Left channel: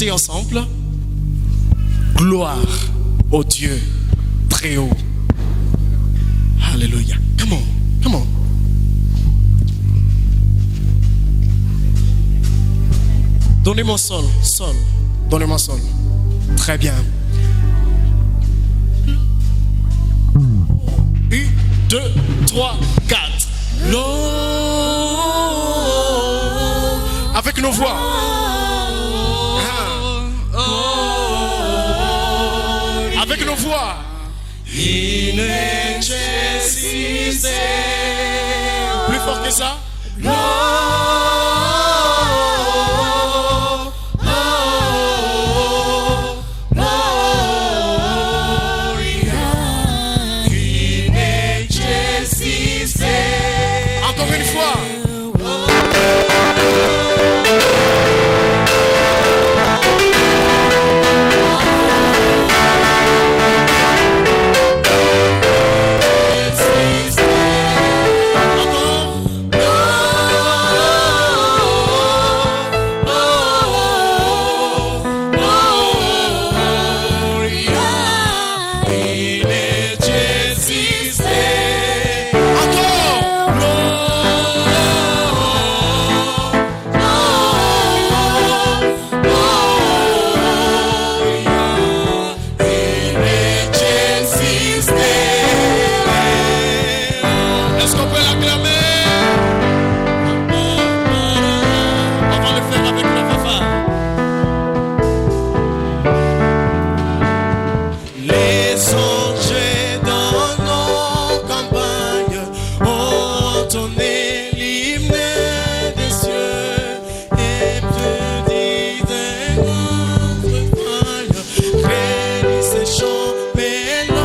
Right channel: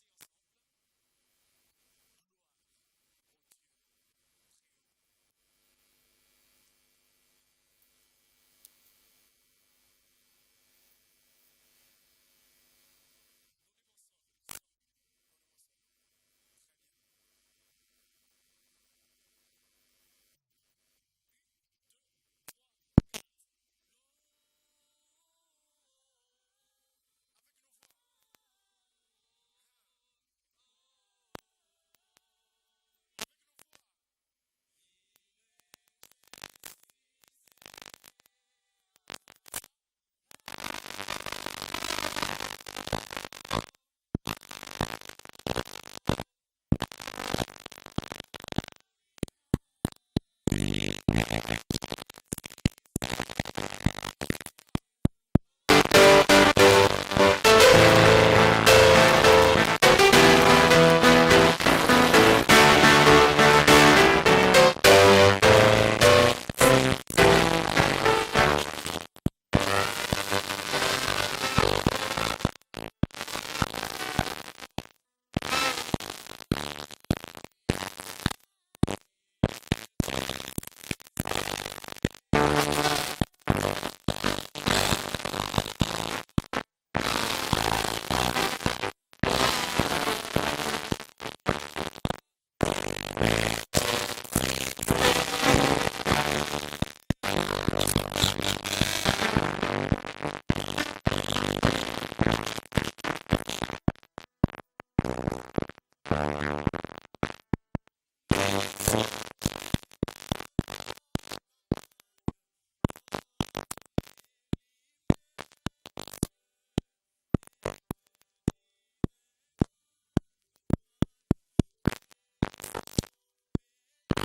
chanter ensemble. Gloire au Dieu très haut. Alléluia. Come on, come on. Donnez-moi sol, sol. Donnez-moi sol. Très bien. 1, 2, 3, 4. L'eau. Avec nos voix. Avec nos voix. Plus fort que ça. Encore une fois. Est-ce qu'on peut l'acclamer? On va le faire avec la fanfare. Les anges dans nos campagnes ont entonné l'hymne des cieux et plus dit des grands refrains. Réunissent ces chants mélodieux.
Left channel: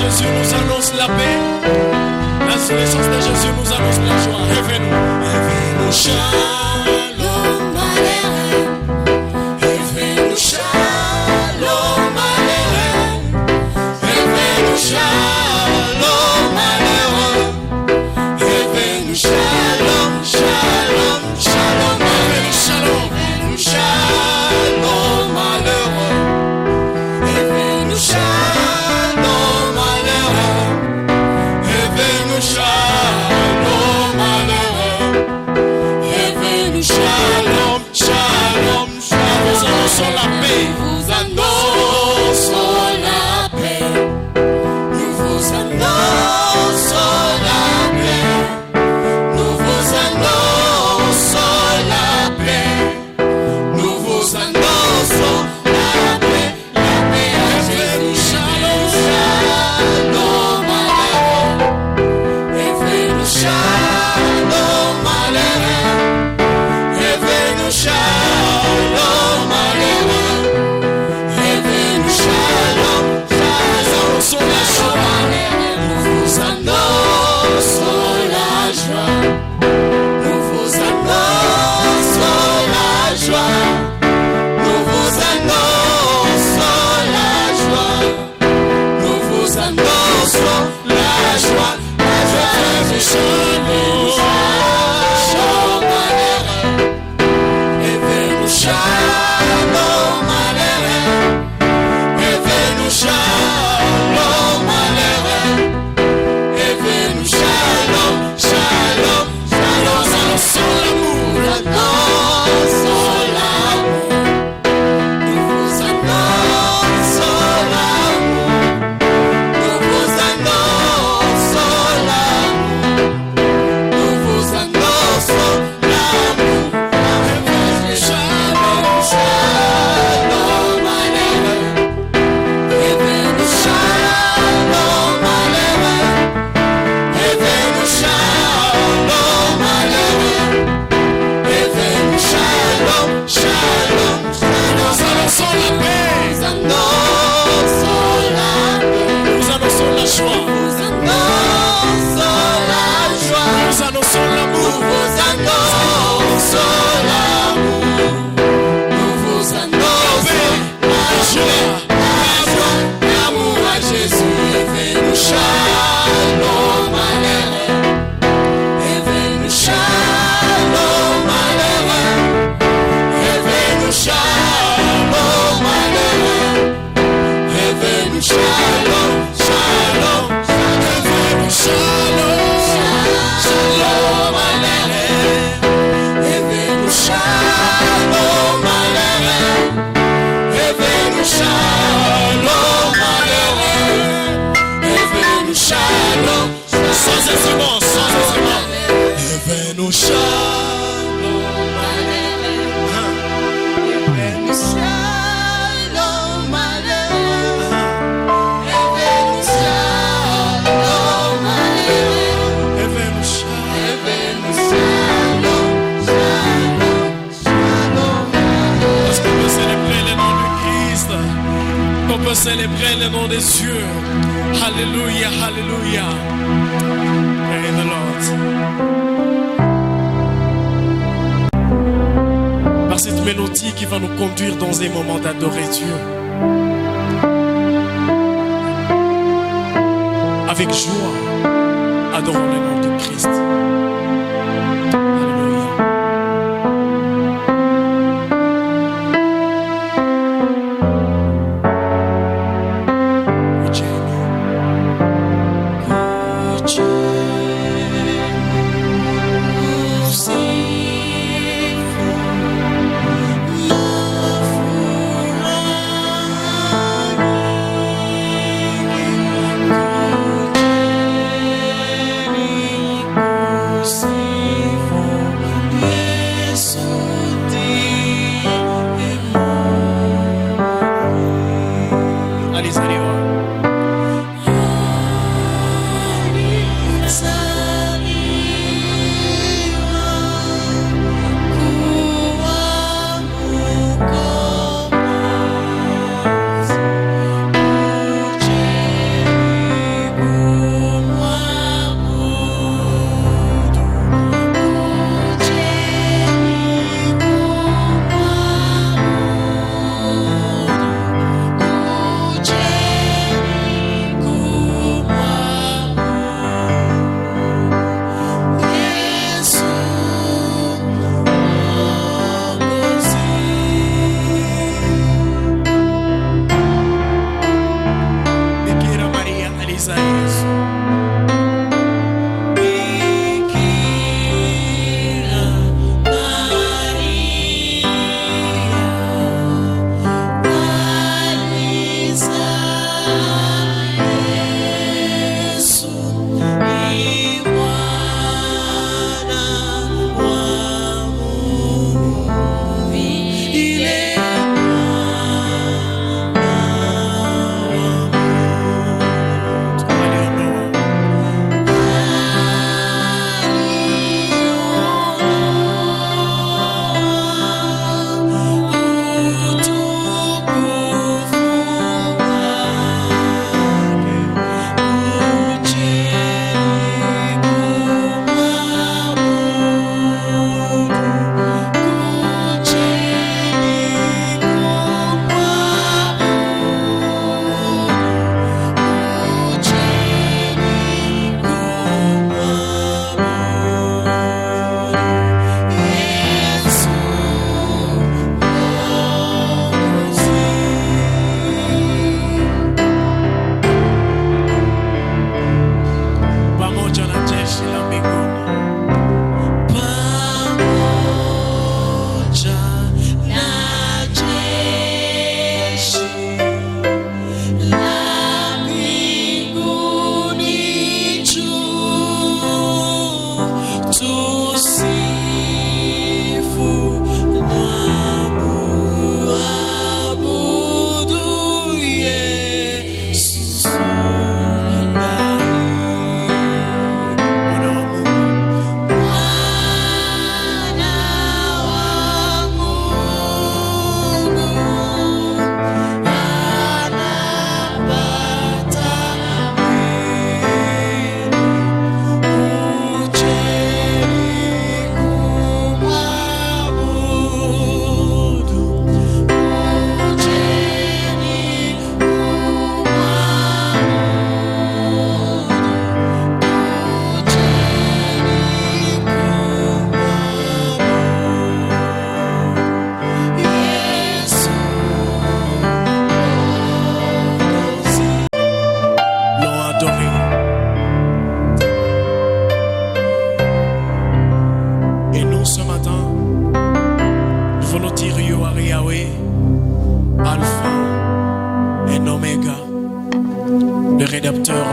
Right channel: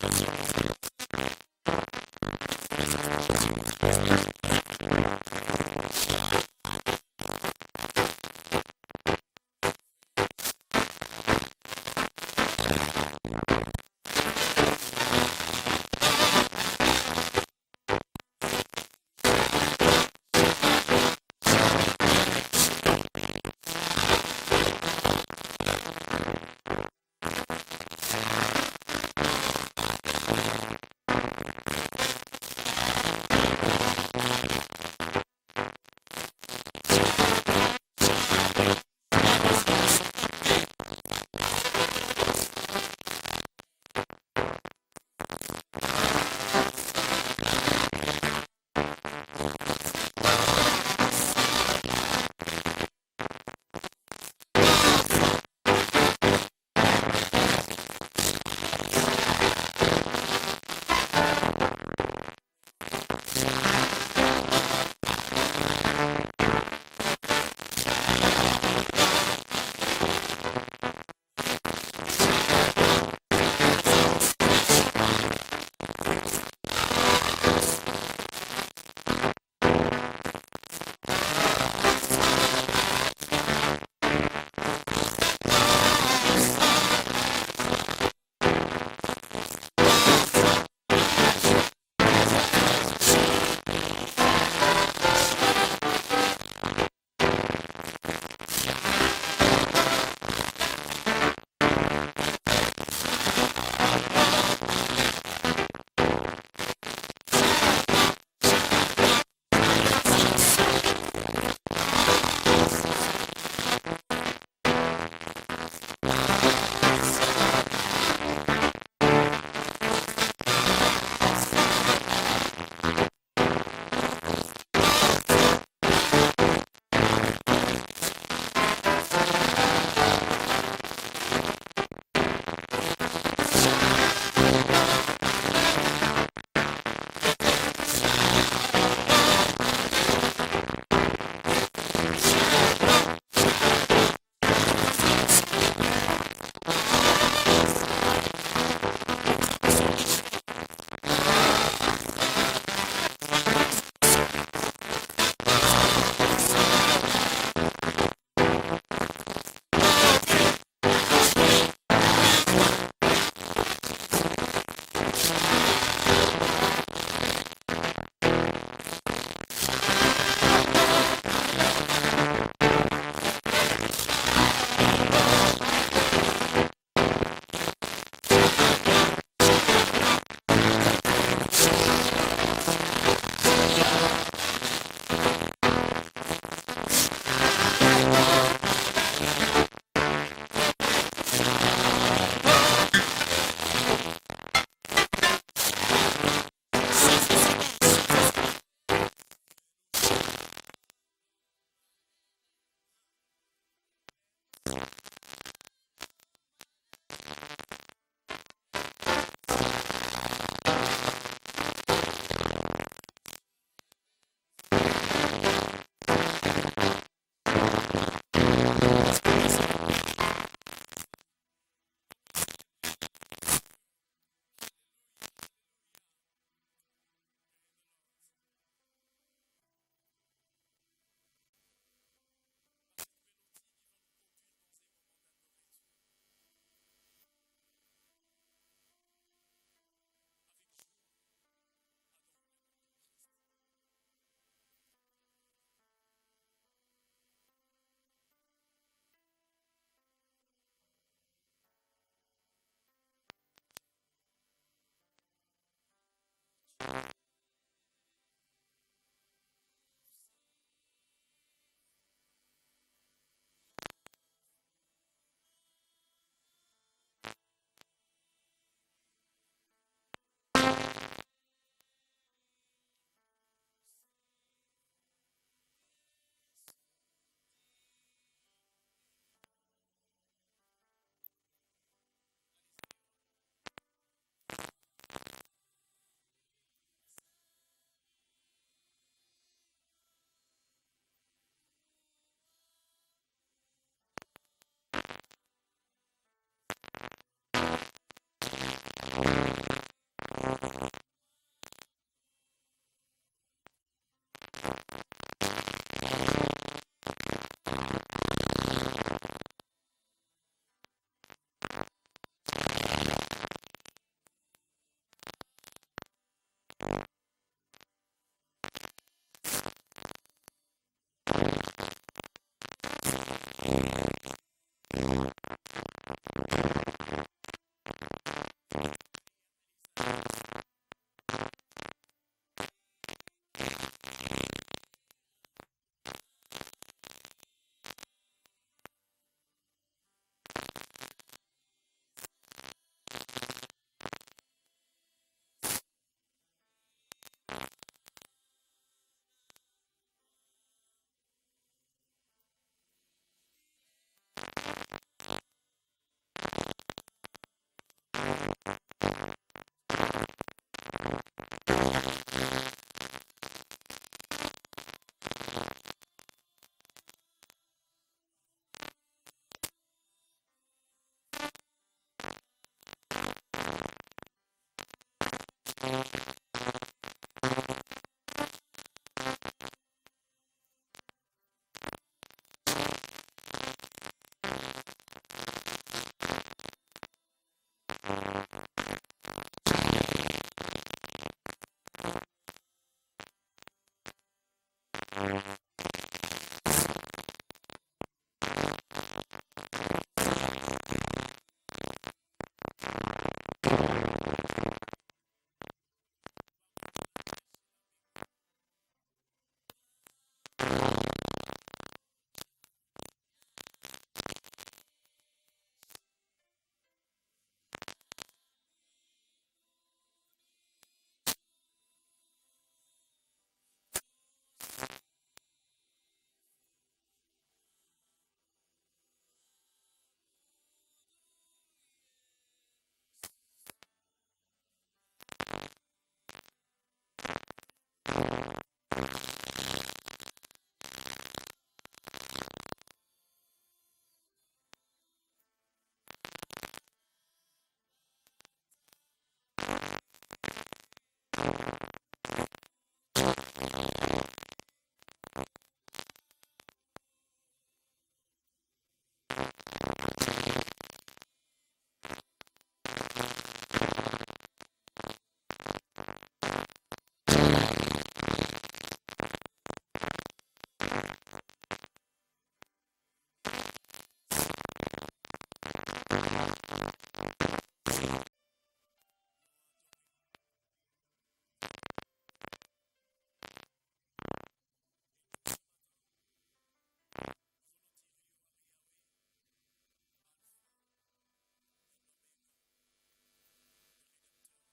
Jésus nous annonce la paix. La naissance de Jésus nous annonce la joie. Réveille-nous. Shalom Aleichem. Réveille-nous. Shalom Aleichem. Réveille-nous. Shalom Aleichem. Réveille-nous. Shalom, shalom, shalom. Réveille-nous. Shalom. Réveille-nous. Shalom Aleichem. Réveille-nous. Shalom. Shalom Aleichem, Réveille-nous. Célébrer le nom de Dieu. Alléluia, alléluia. Praise the Lord. Par cette mélodie qui va nous conduire dans un moment d'adorer Dieu. Avec joie, adorons le nom de Christ.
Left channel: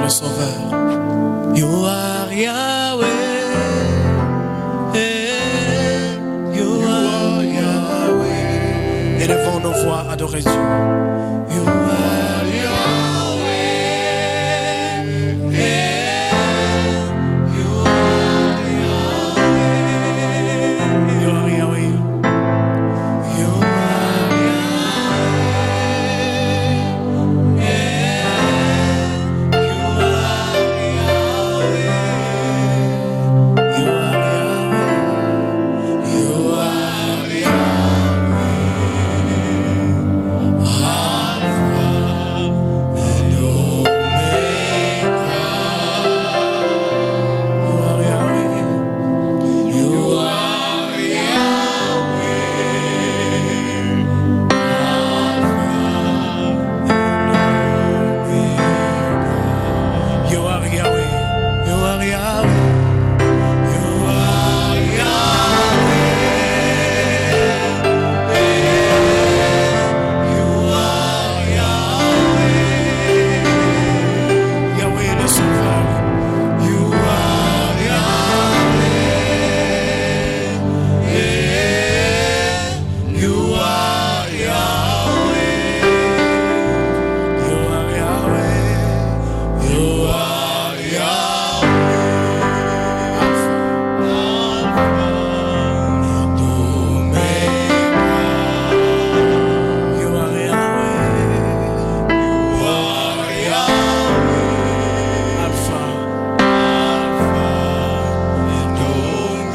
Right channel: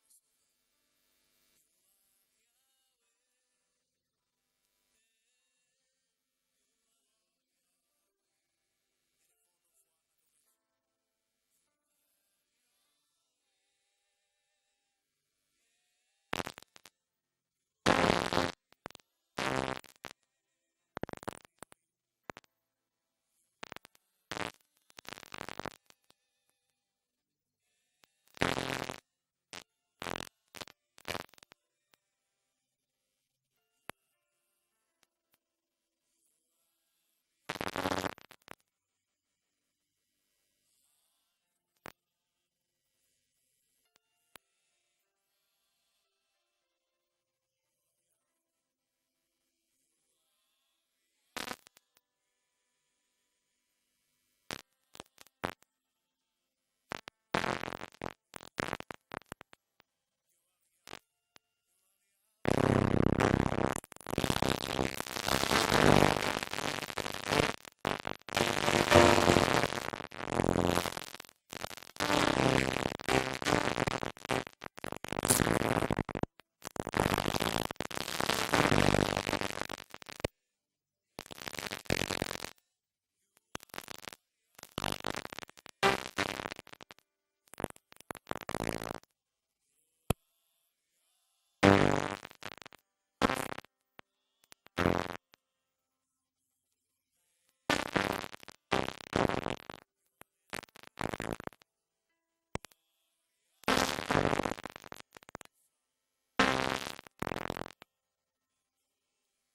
le Sauveur. You are Yahweh. voix, adorez Dieu. You are Yahweh. You are Yahweh. You are Yahweh. You are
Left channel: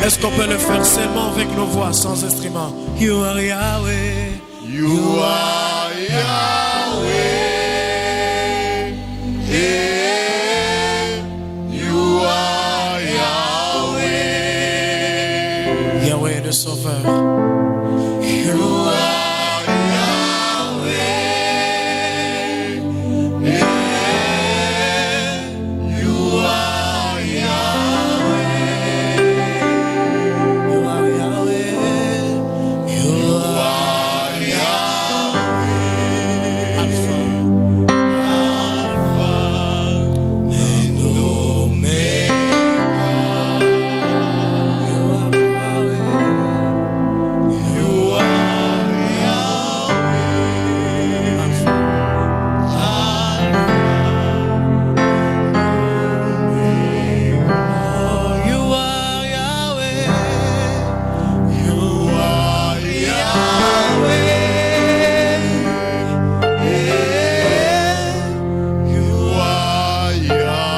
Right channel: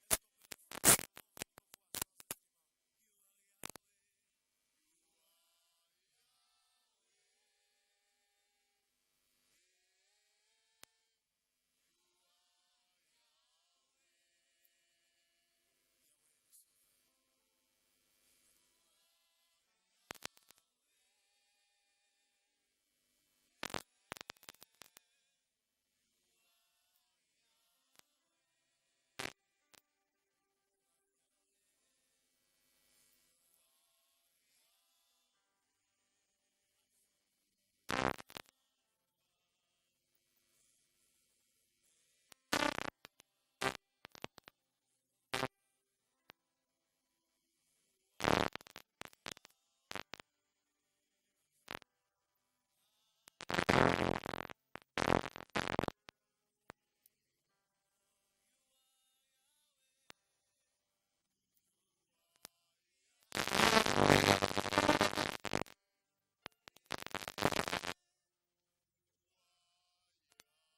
Est-ce qu'on peut le faire seulement avec nos voix, sans instrument? You are Yahweh. You are Yahweh. Yeah. You are Yahweh. Yahweh le Sauveur. You are Yahweh. Yeah. You are Yahweh. You are Yahweh. You are Yahweh. Alpha. Alpha and Omega. You are Yahweh. You are Yahweh. Alpha. Oh, you are Yahweh. You are Yahweh. You are Yahweh.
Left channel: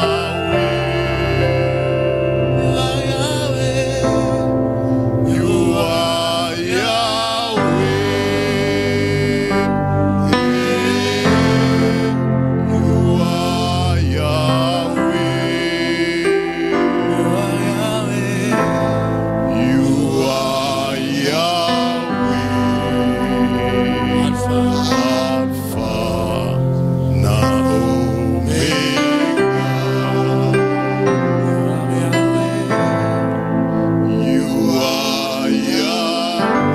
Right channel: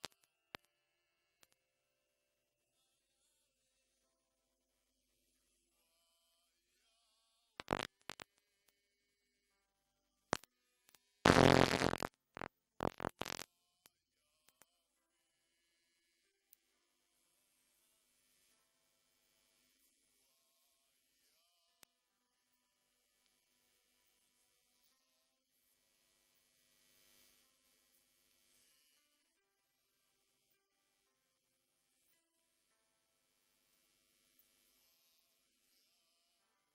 You are Yahweh. You are Yahweh. Alpha. Alpha and Omega. You are Yahweh.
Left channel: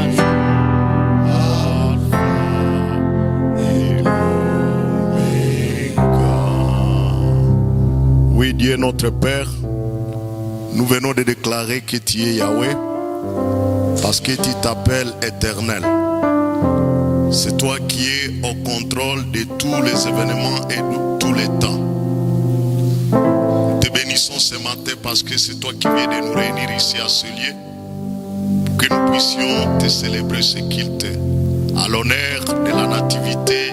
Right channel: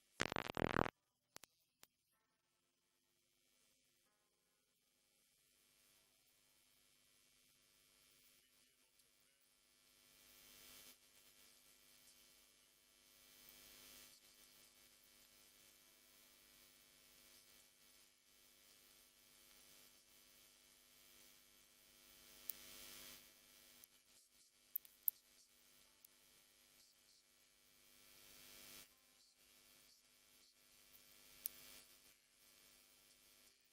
Alpha. Alpha and Omega. Oui, Dieu notre Père, nous venons de déclarer que tu es Yahweh parce que tu t'appelles éternel. C'est toi qui es au contrôle de tous les événements et de tous les temps. Nous te bénissons ce matin parce que c'est toi qui viens de nous réunir ici à ce lieu pour que nous puissions te célébrer ce culte à l'honneur de la nativité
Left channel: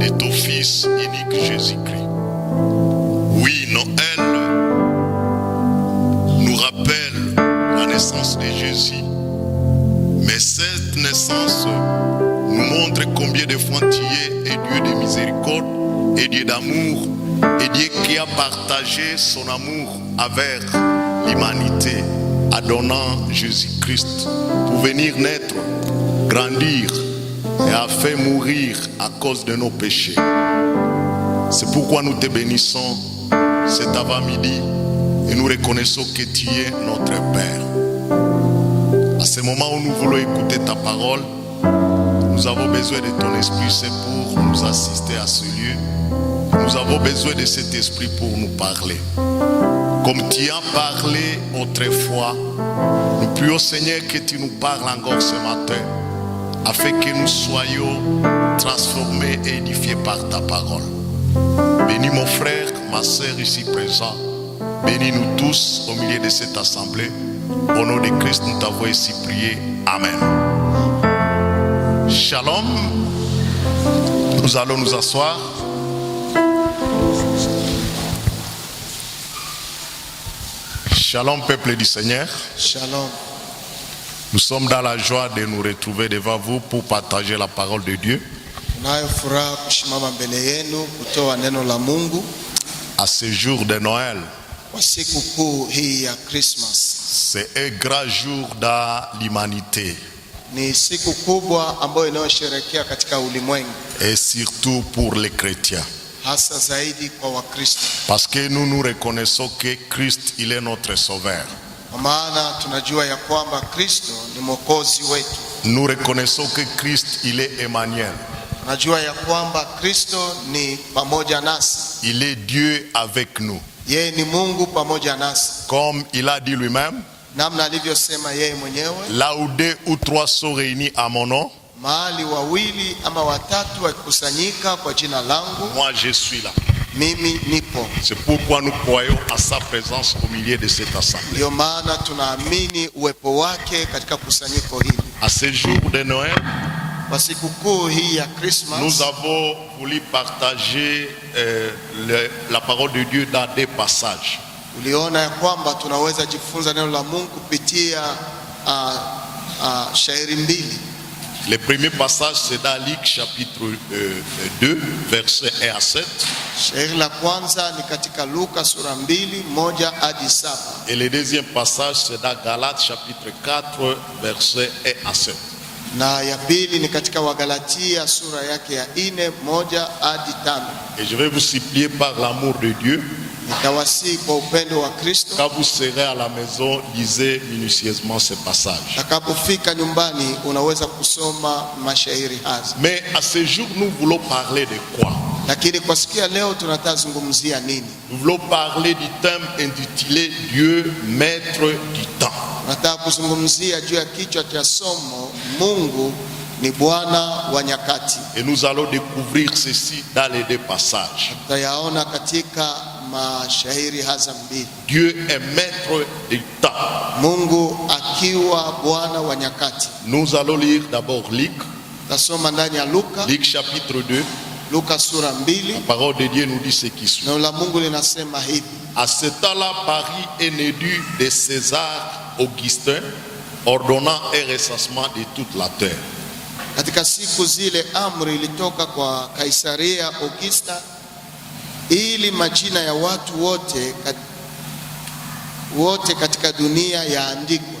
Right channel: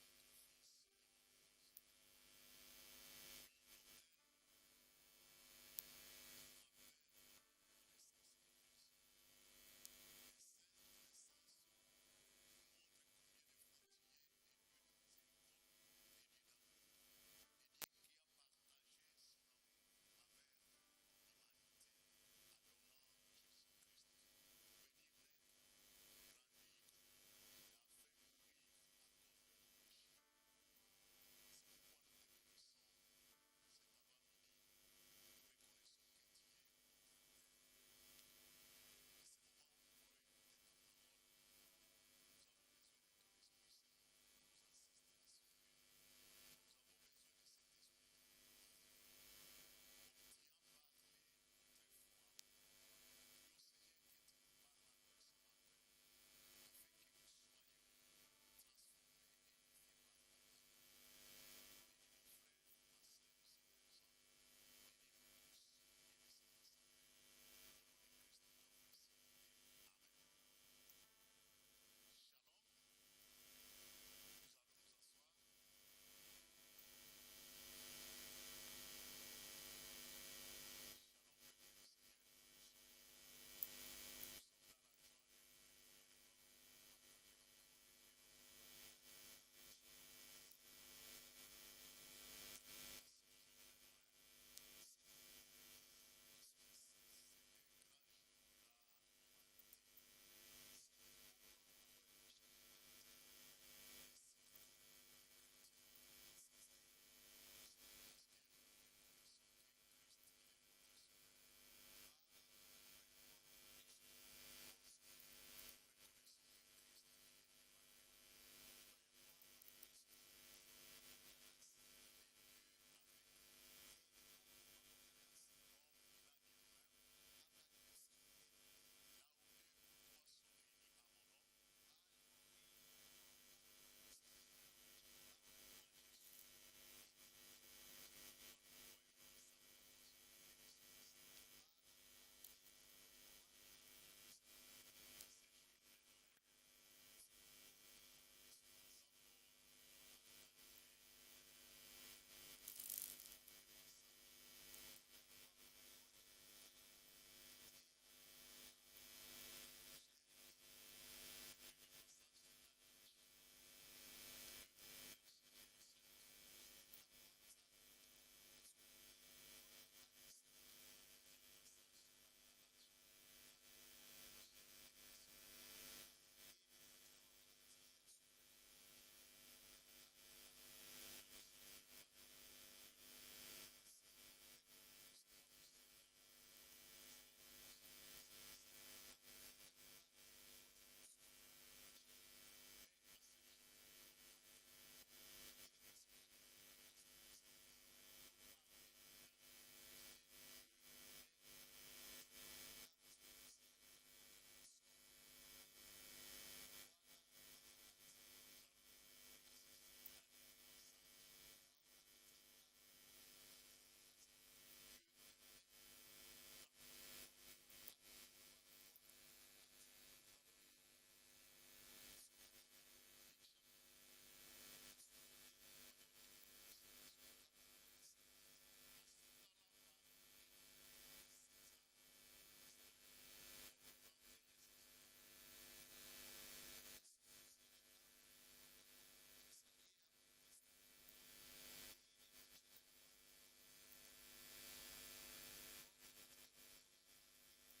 de ton Fils unique Jésus-Christ. Oui, Noël nous rappelle la naissance de Jésus. Mais cette naissance nous montre combien de fois tu es Dieu de miséricorde et Dieu d'amour et Dieu qui a partagé son amour avec l'humanité en donnant Jésus-Christ pour venir naître, grandir et a fait mourir à cause de nos péchés. C'est pourquoi nous te bénissons cet avant-midi et nous reconnaissons que tu es notre Père. À ce moment où nous voulons écouter ta parole, nous avons besoin de ton esprit, c'est pour nous assister à ce lieu. Nous avons besoin de cet esprit pour nous parler. Comme tu as parlé autrefois, nous prions Seigneur que tu nous parles encore ce matin afin que nous soyons transformés et édifiés par ta parole. Bénis mon frère, ma soeur ici présent. Bénis-nous tous au milieu de cette assemblée. Au nom de Christ, nous t'avons ici prié. Amen. Shalom. Nous allons nous asseoir. Shalom, peuple du Seigneur. Shalom. Nous sommes dans la joie de nous retrouver devant vous pour partager la parole de Dieu. Tunayo furaha kusimama mbele yenu kutoa neno la Mungu À ce jour de Noël, kwa siku kuu hii ya Christmas. c'est un grand jour dans l'humanité Ni siku kubwa ambayo inayosherehekea katika ulimwengu, et surtout pour les chrétiens. hasa zaidi kwa Wakristo. Parce que nous reconnaissons que Christ, il est notre sauveur. Kwa maana tunajua ya kwamba Kristo ni mwokozi wetu. Nous reconnaissons que Christ, il est Emmanuel. Tunajua ya kwamba Kristo ni pamoja nasi. Il est Dieu avec nous. Yeye ni Mungu pamoja nasi. Comme il a dit lui-même, Namna alivyosema yeye mwenyewe, là où 2 ou 3 sont réunis à mon nom, mahali wawili ama watatu wakikusanyika kwa jina langu, moi je suis là. mimi nipo. C'est pourquoi nous croyons à sa présence au milieu de cette assemblée. Ndio maana tunaamini uwepo wake katika kusanyiko hili. À ce jour de Noël, Kwa sikukuu hii ya Christmas, nous avons voulu partager la parole de Dieu dans 2 passages. uliona ya kwamba tunaweza jifunza neno la Mungu kupitia shairi mbili. Le premier passage, c'est dans Luc chapitre 2, versets 1 à 7. Shairi la kwanza ni katika Luka sura 2, 1 hadi 7. Et le deuxième passage, c'est dans Galates chapitre 4, versets 1 à 7. Na ya pili ni katika Wagalatia sura yake ya 4, 1 hadi 5. Et je vais vous supplier par l'amour de Dieu, Nitawasihi kwa upendo wa Kristo, quand vous serez à la maison, lisez minutieusement ces passages. utakapofika nyumbani unaweza kusoma mashairi haya. Mais à ce jour, nous voulons parler de quoi? Lakini kwa siku ya leo tunatazungumzia nini? Nous voulons parler du thème intitulé Dieu, maître du temps. Nataka kuzungumzia juu ya kichwa cha somo, Mungu ni Bwana wa nyakati. Et nous allons découvrir ceci dans les 2 passages. Tutayaona katika mashairi haya mbili. Dieu est maître du temps. Mungu akiwa Bwana wa nyakati. Nous allons lire d'abord Luc, Tasoma ndani ya Luka, Luc chapitre 2. Luka sura 2. La parole de Dieu nous dit ce qui suit. Neno la Mungu linasema hivi: À ce temps-là, Paris est élu de César Augustin, ordonnant un recensement de toute la terre. Katika siku zile amri ilitoka kwa Kaisaria Augusta ili majina ya watu wote katika dunia yaandikwe.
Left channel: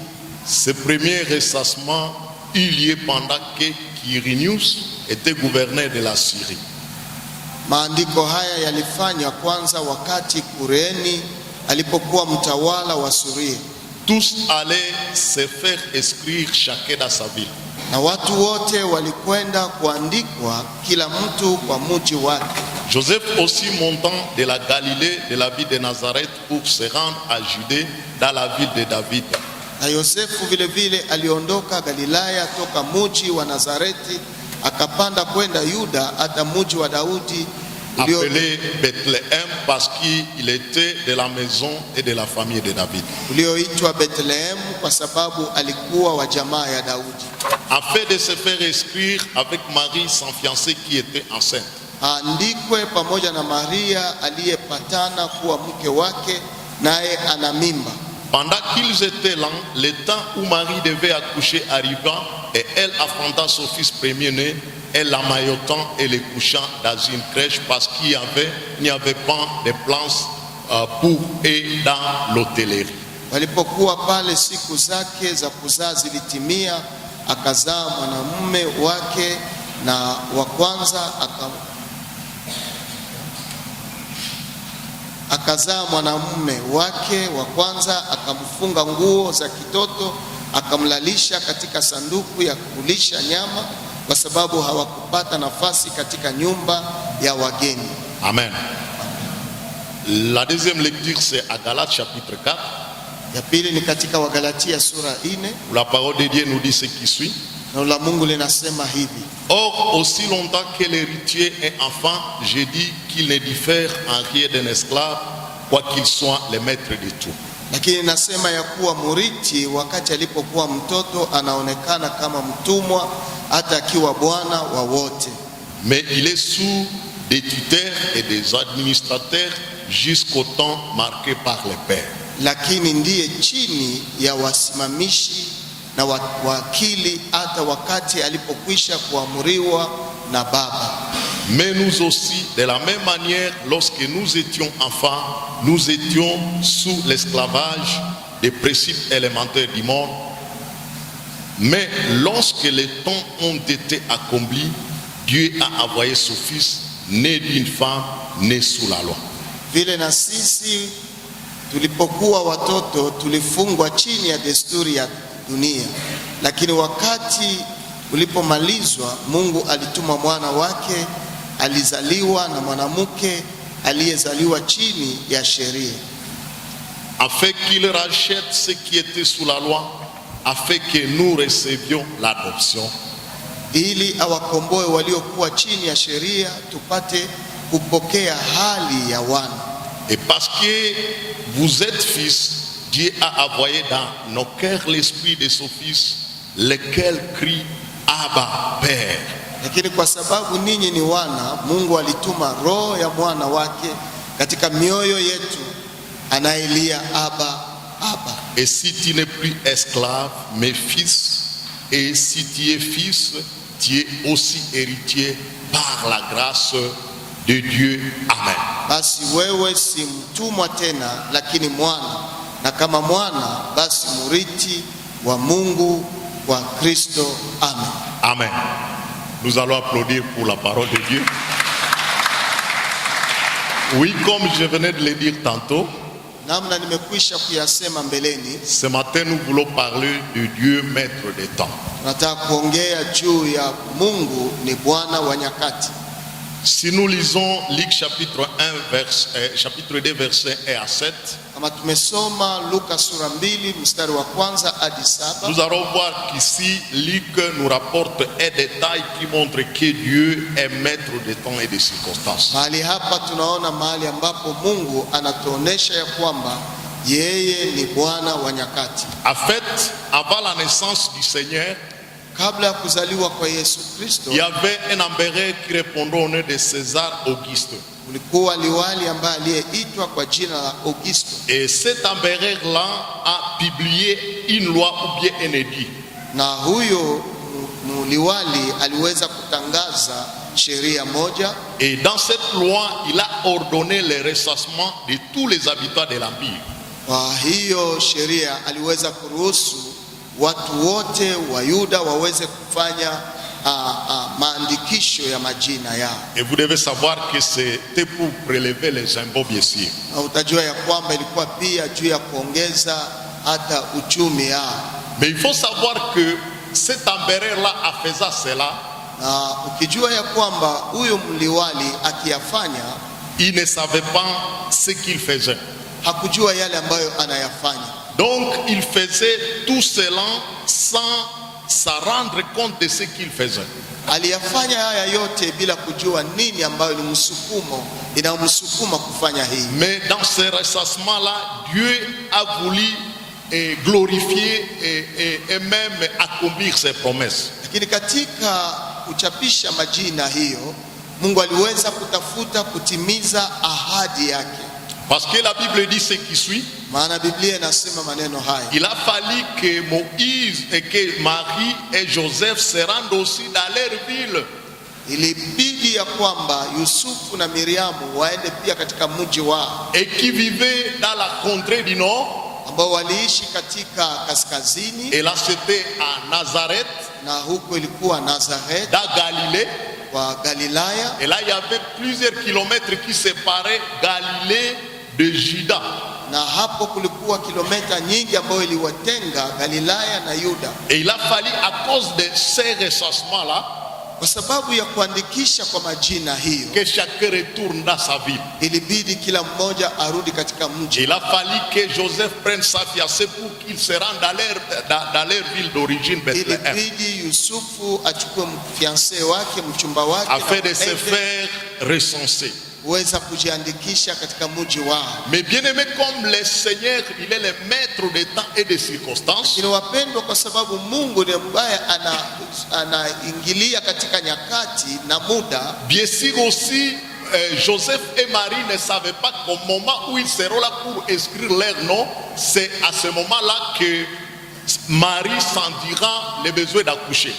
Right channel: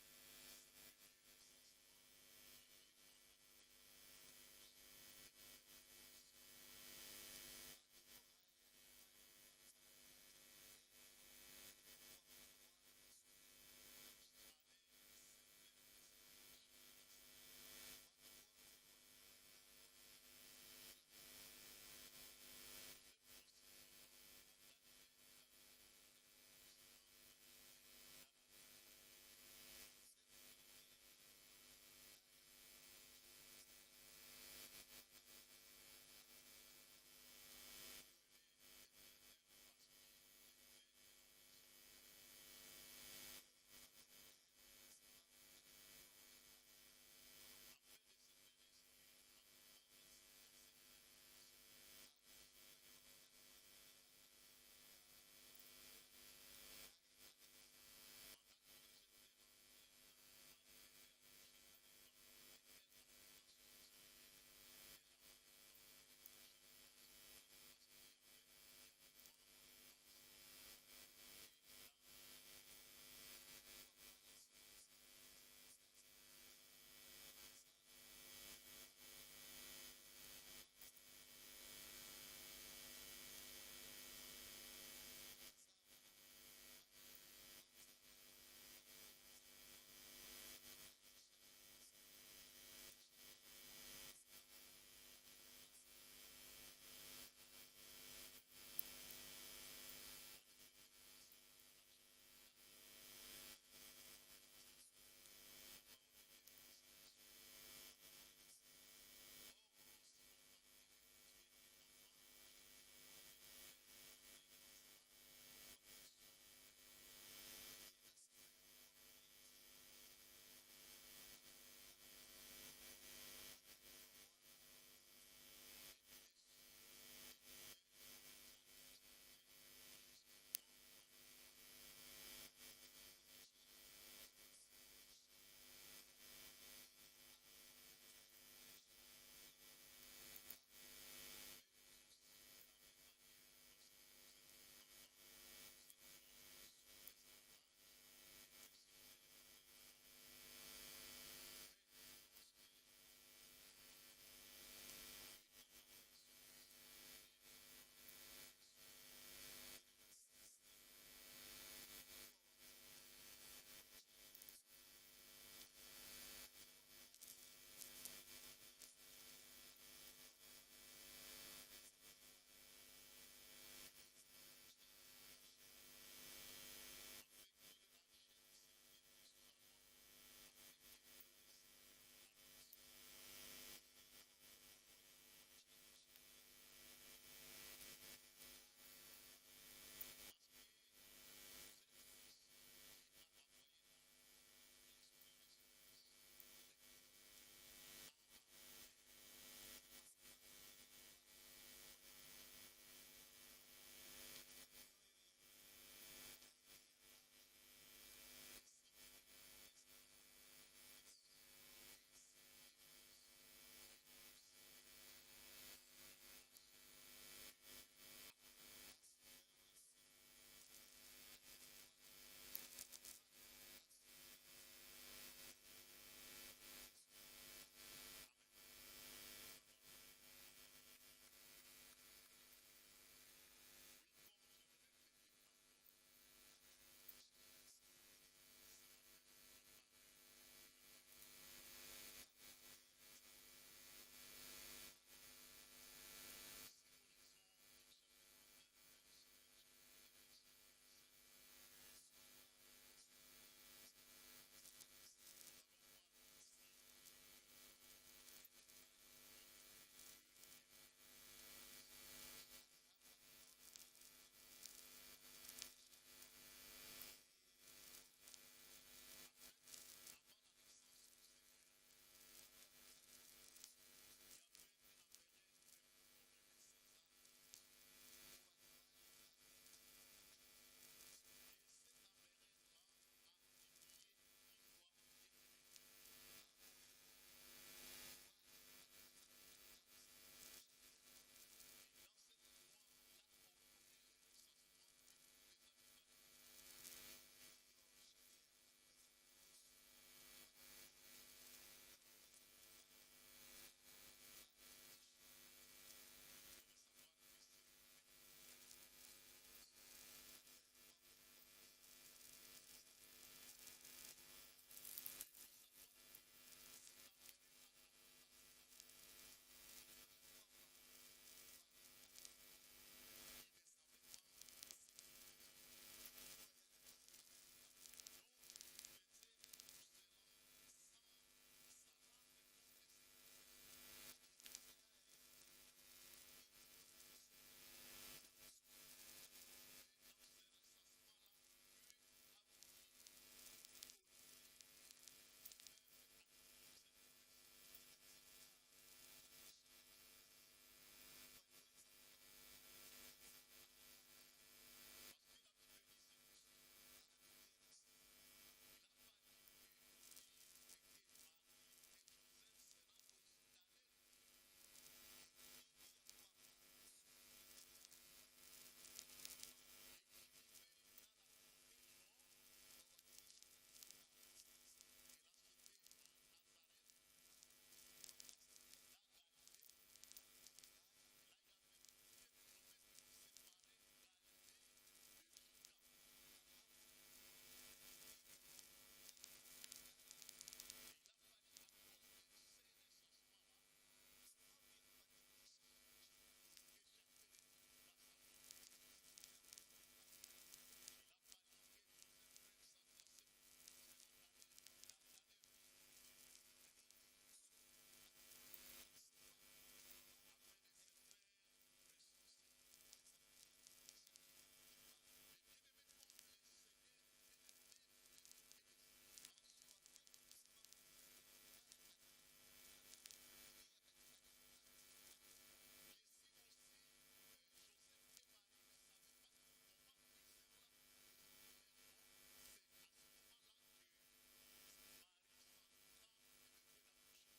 Ce premier recensement eut lieu pendant que Quirinius était gouverneur de la Syrie. Maandiko haya yalifanywa kwanza wakati Kureni alipokuwa mtawala wa Suria. Tous allaient se faire inscrire chacun dans sa ville. Na watu wote walikwenda kuandikwa kila mtu kwa mji wake. Joseph aussi montant de la Galilée, de la ville de Nazareth, pour se rendre à Judée, dans la ville de David. Na Yosefu vile vile aliondoka Galilaya toka mji wa Nazareti akapanda kwenda Yuda hata mji wa Daudi appelé Bethléem parce qu'il était de la maison et de la famille de David. ulioitwa Bethlehem kwa sababu alikuwa wa jamaa ya Daudi. Afin de se faire inscrire avec Marie, son fiancée qui était enceinte. Aandikwe pamoja na Maria aliyepatana kuwa mke wake naye ana mimba. Pendant qu'ils étaient là, le temps où Marie devait accoucher arrivant, et elle affronta son fils premier-né, elle l'amaillotant et le couchant dans une crèche parce qu'il n'y avait pas de place pour et dans l'hôtellerie. Walipokuwa pale siku zake za kuzaa zilitimia, akazaa mwanamume wake na wa kwanza akazaa mwanamume wake wa kwanza, akamfunga nguo za kitoto, akamlalisha katika sanduku ya kulisha nyama, kwa sababu hawakupata nafasi katika nyumba ya wageni. Amen. La deuxième lecture c'est à Galates chapitre 4. Ya pili ni katika Wagalatia sura 4. La parole de Dieu nous dit ce qui suit. Neno la Mungu linasema hivi: Or, aussi longtemps que l'héritier est enfant, je dis qu'il ne diffère en rien d'un esclave, quoiqu'il soit le maître de tout. Lakini nasema ya kuwa murithi wakati alipokuwa mtoto anaonekana kama mtumwa hata akiwa bwana wa wote. Mais il est sous des tuteurs et des administrateurs jusqu'au temps marqué par le Père. Lakini ndiye chini ya wasimamishi na wakili hata wakati alipokwisha kuamuriwa na Baba. Mais nous aussi, de la même manière, lorsque nous étions enfants, nous étions sous l'esclavage des principes élémentaires du monde. Mais lorsque les temps ont été accomplis, Dieu a envoyé son Fils, né d'une femme, né sous la loi. Vile na sisi tulipokuwa watoto tulifungwa chini ya desturi ya dunia, lakini wakati ulipomalizwa Mungu alituma mwana wake, alizaliwa na mwanamke aliyezaliwa chini ya sheria, afin qu'il rachète ceux qui étaient sous la loi, afin que nous recevions l'adoption. ili awakomboe waliokuwa chini ya sheria tupate kupokea hali ya wana. Et parce que vous êtes fils, Dieu a envoyé dans nos cœurs l'esprit de son Fils, lequel crie Abba, Père. Lakini kwa sababu ninyi ni wana, Mungu alituma roho ya mwana wake katika mioyo yetu, anayelia Abba, Abba. Et si tu n'es plus esclave, mais fils, et si tu es fils, tu es aussi héritier par la grâce de Dieu. Amen. Basi wewe si mtumwa tena, lakini mwana, na kama mwana basi murithi wa Mungu kwa Kristo. Amen. Amen. Nous allons applaudir pour la parole de Dieu. Oui, comme je venais de le dire tantôt, namna nimekwisha kuyasema mbeleni, ce matin nous voulons parler de Dieu, maître des temps. nataka kuongea juu ya Mungu ni Bwana wa nyakati. Si nous lisons Luc chapitre 2 versets 1 à 7, Kama tumesoma Luka sura 2 mstari wa kwanza hadi 7, nous allons voir qu'ici Luc nous rapporte un détail qui montre que Dieu est maître des temps et des circonstances. mahali hapa tunaona mahali ambapo Mungu anatuonesha ya kwamba yeye ni Bwana wa nyakati. En fait, avant la naissance du Seigneur, Kabla ya kuzaliwa kwa Yesu Kristo, il y avait un empereur qui répondait au nom de César Auguste. kulikuwa liwali ambaye aliyeitwa kwa jina la Augusto, Et cet empereur-là a publié une loi ou bien un édit. na huyo liwali aliweza kutangaza sheria moja, Et dans cette loi, il a ordonné le ressassement de tous les habitants de l'empire. kwa hiyo sheria aliweza kuruhusu watu wote wa Yuda waweze kufanya maandikisho ya majina yao. Et vous devez savoir que c'était pour prélever les impôts, bien sûr. Na utajua ya kwamba ilikuwa pia juu ya kuongeza hata uchumi yao. Mais il faut savoir que cet empereur-là, en faisant cela, Na ukijua ya kwamba huyo mliwali akiyafanya, il ne savait pas ce qu'il faisait. hakujua yale ambayo anayafanya. Donc, il faisait tout cela sans s'en rendre compte de ce qu'il faisait. Aliyafanya haya yote bila kujua nini ambayo ni msukumo inamsukuma kufanya hii. Mais dans ce ressassement-là, Dieu a voulu glorifier et même accomplir ses promesses. Lakini katika kuchapisha majina hiyo, Mungu aliweza kutafuta kutimiza ahadi yake. Parce que la Bible dit ce qui suit. Maana Biblia inasema maneno haya: Il a fallu que Moïse et que Marie et Joseph se rendent aussi dans leur ville. ilibidi ya kwamba Yusufu na Miriamu waende pia katika mji wao, Et qui vivaient dans la contrée du nord. ambao waliishi katika kaskazini, Et là c'était à Nazareth, na huko ilikuwa Nazareth dans Galilée. wa Galilaya, Et là il y avait plusieurs kilomètres qui séparaient Galilée de Juda. na hapo kulikuwa kilomita nyingi ambayo iliwatenga Galilaya na Yuda. Et il a fallu, à cause de ces ressassements-là, Kwa sababu ya kuandikisha kwa majina hiyo, que chacun retourne dans sa ville. ilibidi kila mmoja arudi katika mji. Il a fallu que Joseph prenne sa fiancée pour qu'ils se rendent dans leur ville d'origine, Bethléem, Ilibidi Yusufu achukue mfiancé wake, mchumba wake, afin na de se faire recenser. kuweza kujiandikisha katika mji wao. Mais bien aimé, comme le Seigneur, il est le maître des temps et des circonstances, Lakini wapendwa, kwa sababu Mungu ndiye ambaye anaingilia katika nyakati na muda, bien sûr aussi, Joseph et Marie ne savaient pas qu'au moment où ils seront là pour inscrire leur nom, c'est à ce moment-là que Marie sentira le besoin d'accoucher.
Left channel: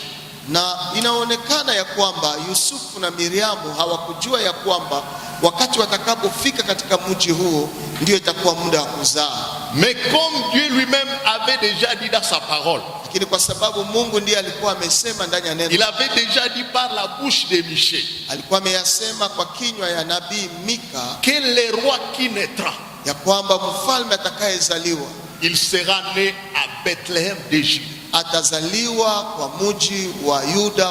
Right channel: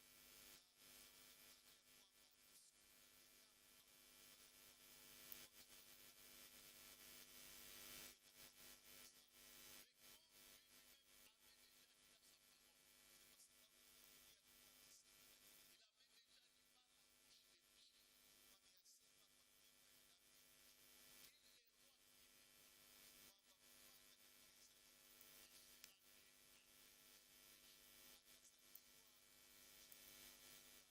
na inaonekana ya kwamba Yusufu na Miriamu hawakujua ya kwamba wakati watakapofika katika mji huo ndio itakuwa muda wa kuzaa. Mais comme Dieu lui-même avait déjà dit dans sa parole, Lakini kwa sababu Mungu ndiye alikuwa amesema ndani ya il neno, avait déjà dit par la bouche de Michée alikuwa ameyasema kwa kinywa ya nabii Mika que le roi qui naîtra, ya kwamba mfalme atakayezaliwa il sera né à Bethléem d'Égypte. atazaliwa kwa mji wa Yuda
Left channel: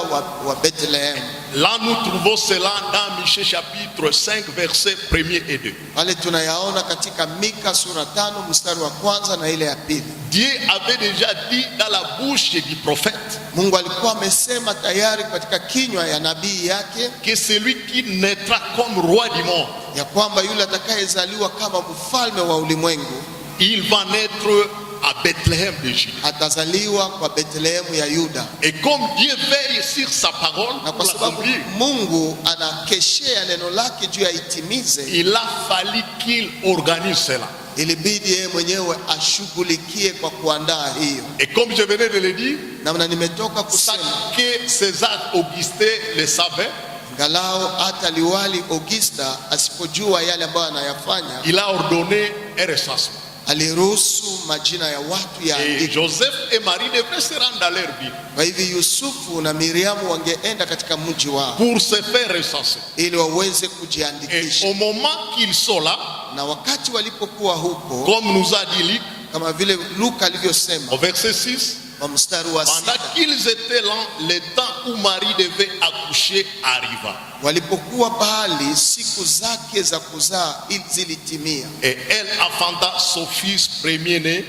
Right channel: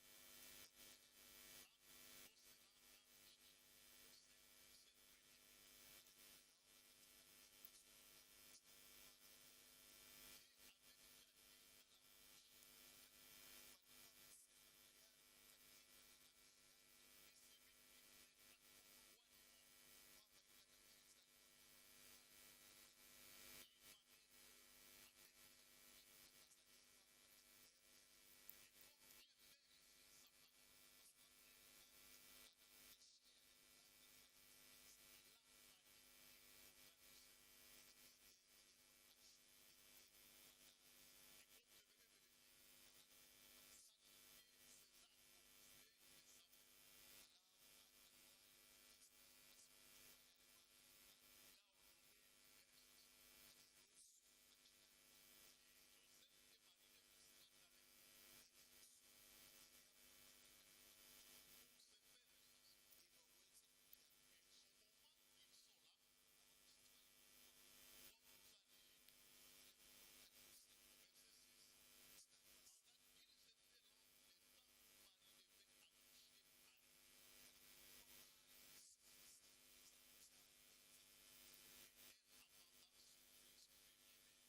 wa Bethlehem. Là, nous trouvons cela dans Michée chapitre 5, versets 1er et 2. Pale tunayaona katika Mika sura 5 mstari wa kwanza na ile ya pili. Dieu avait déjà dit dans la bouche du prophète Mungu alikuwa amesema tayari katika kinywa ya nabii yake que celui qui naîtra comme roi du monde, ya kwamba yule atakayezaliwa kama mfalme wa ulimwengu il va naître à Bethléem d'Égypte. atazaliwa kwa Bethlehemu ya Yuda. Et comme Dieu veille sur sa parole Na pour kwa sababu l'accomplir, Mungu anakeshea neno lake juu ya itimize, il a fallu qu'il organise cela. ilibidi yeye mwenyewe ashughulikie kwa kuandaa hiyo. Et comme je venais de le dire, Namna nimetoka ça kusema, que César Augustin le savait, ngalao hata liwali Augusta asipojua yale ambayo anayafanya, il a ordonné un recensement. aliruhusu majina ya watu Et yaandikwe. Joseph et Marie devraient se rendre dans leur ville Kwa hivyo Yusufu na Miriamu wangeenda katika mji wao pour se faire recenser. ili waweze Et kujiandikisha. au moment qu'ils sont là, Na wakati walipokuwa huko, comme nous a dit Luc kama vile Luka alivyosema au verset 6, kwa mstari wa pendant 6, qu'ils étaient là, le temps où Marie devait accoucher arriva. walipokuwa pahali, siku zake za kuzaa zilitimia, Et elle enfanta son fils premier-né,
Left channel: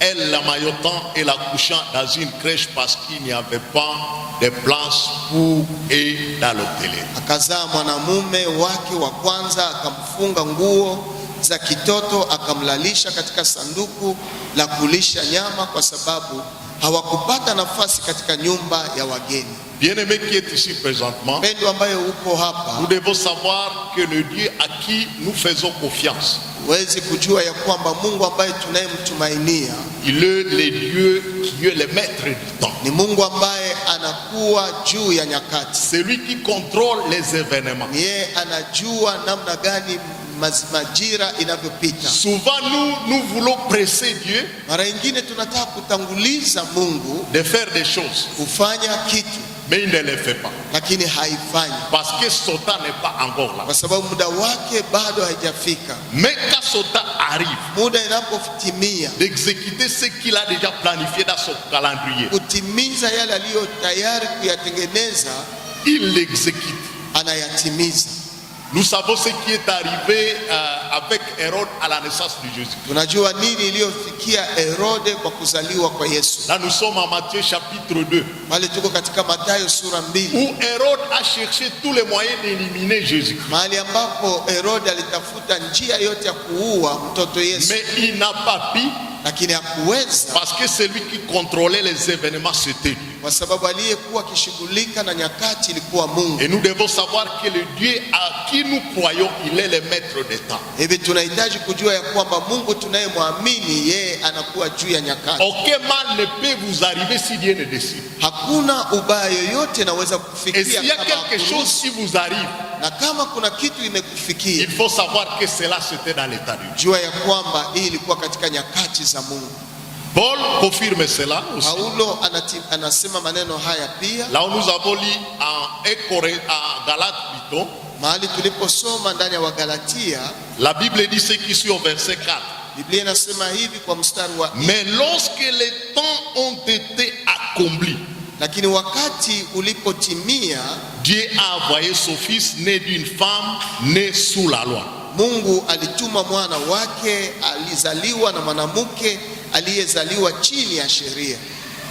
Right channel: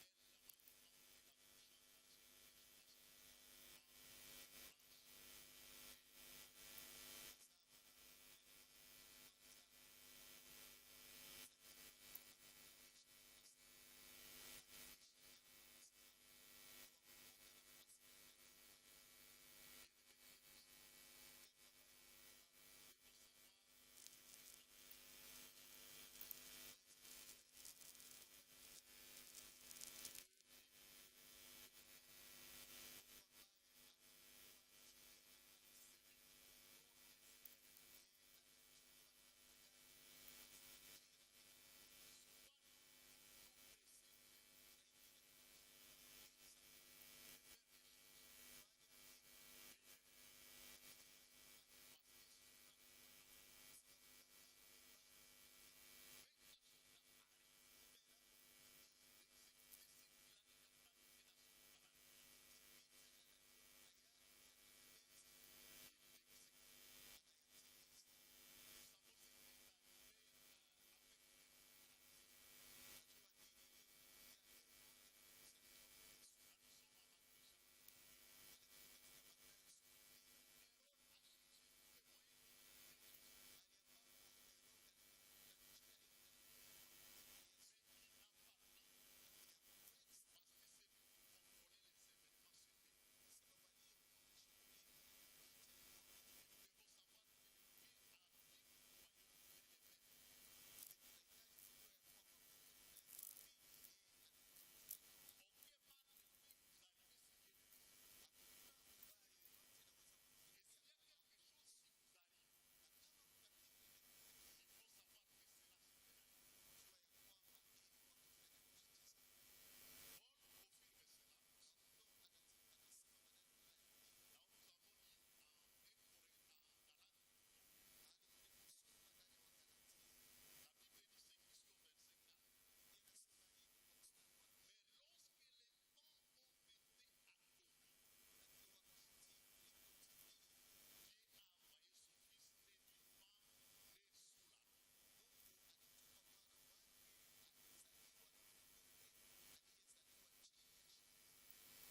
elle l'amaillotant et l'accouchant dans une crèche parce qu'il n'y avait pas de place pour et dans l'hôtellerie. akazaa mwanamume wake wa kwanza, akamfunga nguo za kitoto, akamlalisha katika sanduku la kulisha nyama, kwa sababu hawakupata nafasi katika nyumba ya wageni. Bien-aimé qui est ici présentement, Mpendwa ambaye uko nous hapa, devons savoir que le Dieu à qui nous faisons confiance, huwezi kujua ya kwamba Mungu ambaye tunayemtumainia il est le Dieu qui est le maître du temps. ni Mungu ambaye anakuwa juu ya nyakati. Celui qui contrôle les événements. Ni yeye anajua namna gani majira inavyopita. Souvent nous voulons presser Dieu Mara nyingine tunataka kutanguliza Mungu de faire des choses, kufanya kitu, mais il ne le fait pas lakini haifanyi parce que son temps n'est pas encore là. kwa sababu muda wake bado haijafika. Mais quand son temps arrive Muda inapotimia d'exécuter ce qu'il a déjà planifié dans son calendrier, kutimiza yale aliyo tayari kuyatengeneza, il l'exécute. anayatimiza. Nous savons ce qui est arrivé avec Hérode à la naissance de Jésus. Tunajua nini iliyofikia Herode kwa kuzaliwa kwa Yesu. Là nous sommes en Matthieu chapitre 2, Pale tuko katika Mathayo sura 2, où Hérode a cherché tous les moyens d'éliminer Jésus. mahali ambapo Herode alitafuta njia yote ya kuua mtoto Yesu, Mais il n'a pas pu lakini hakuweza, parce que celui qui contrôlait les événements c'était Dieu. kwa sababu aliyekuwa akishughulika na nyakati ilikuwa Mungu. Et nous devons savoir que le Dieu à qui nous croyons, il est le maître des temps. Hivi tunahitaji kujua ya kwamba Mungu tunayemwamini yeye anakuwa juu ya nyakati. Aucun mal ne peut vous arriver si Dieu ne décide. Hakuna ubaya yoyote naweza Et kufikia s'il y a kama quelque chose hakuruhusu. qui vous arrive, Na kama kuna kitu imekufikia, il faut savoir que cela c'était dans l'état de Dieu. jua ya kwamba hii ilikuwa katika nyakati za Mungu. Paul confirme cela aussi. Paulo anasema maneno haya pia Là où nous avons lu en Galates plutôt, mahali tuliposoma ndani ya Wagalatia. la Bible dit ce qui suit au verset 4. Biblia inasema hivi kwa mstari wa Mais lorsque les temps ont été accomplis, Lakini wakati ulipotimia, Dieu a envoyé son fils né d'une femme née sous la loi. Mungu alituma mwana wake alizaliwa na mwanamke aliyezaliwa chini ya sheria.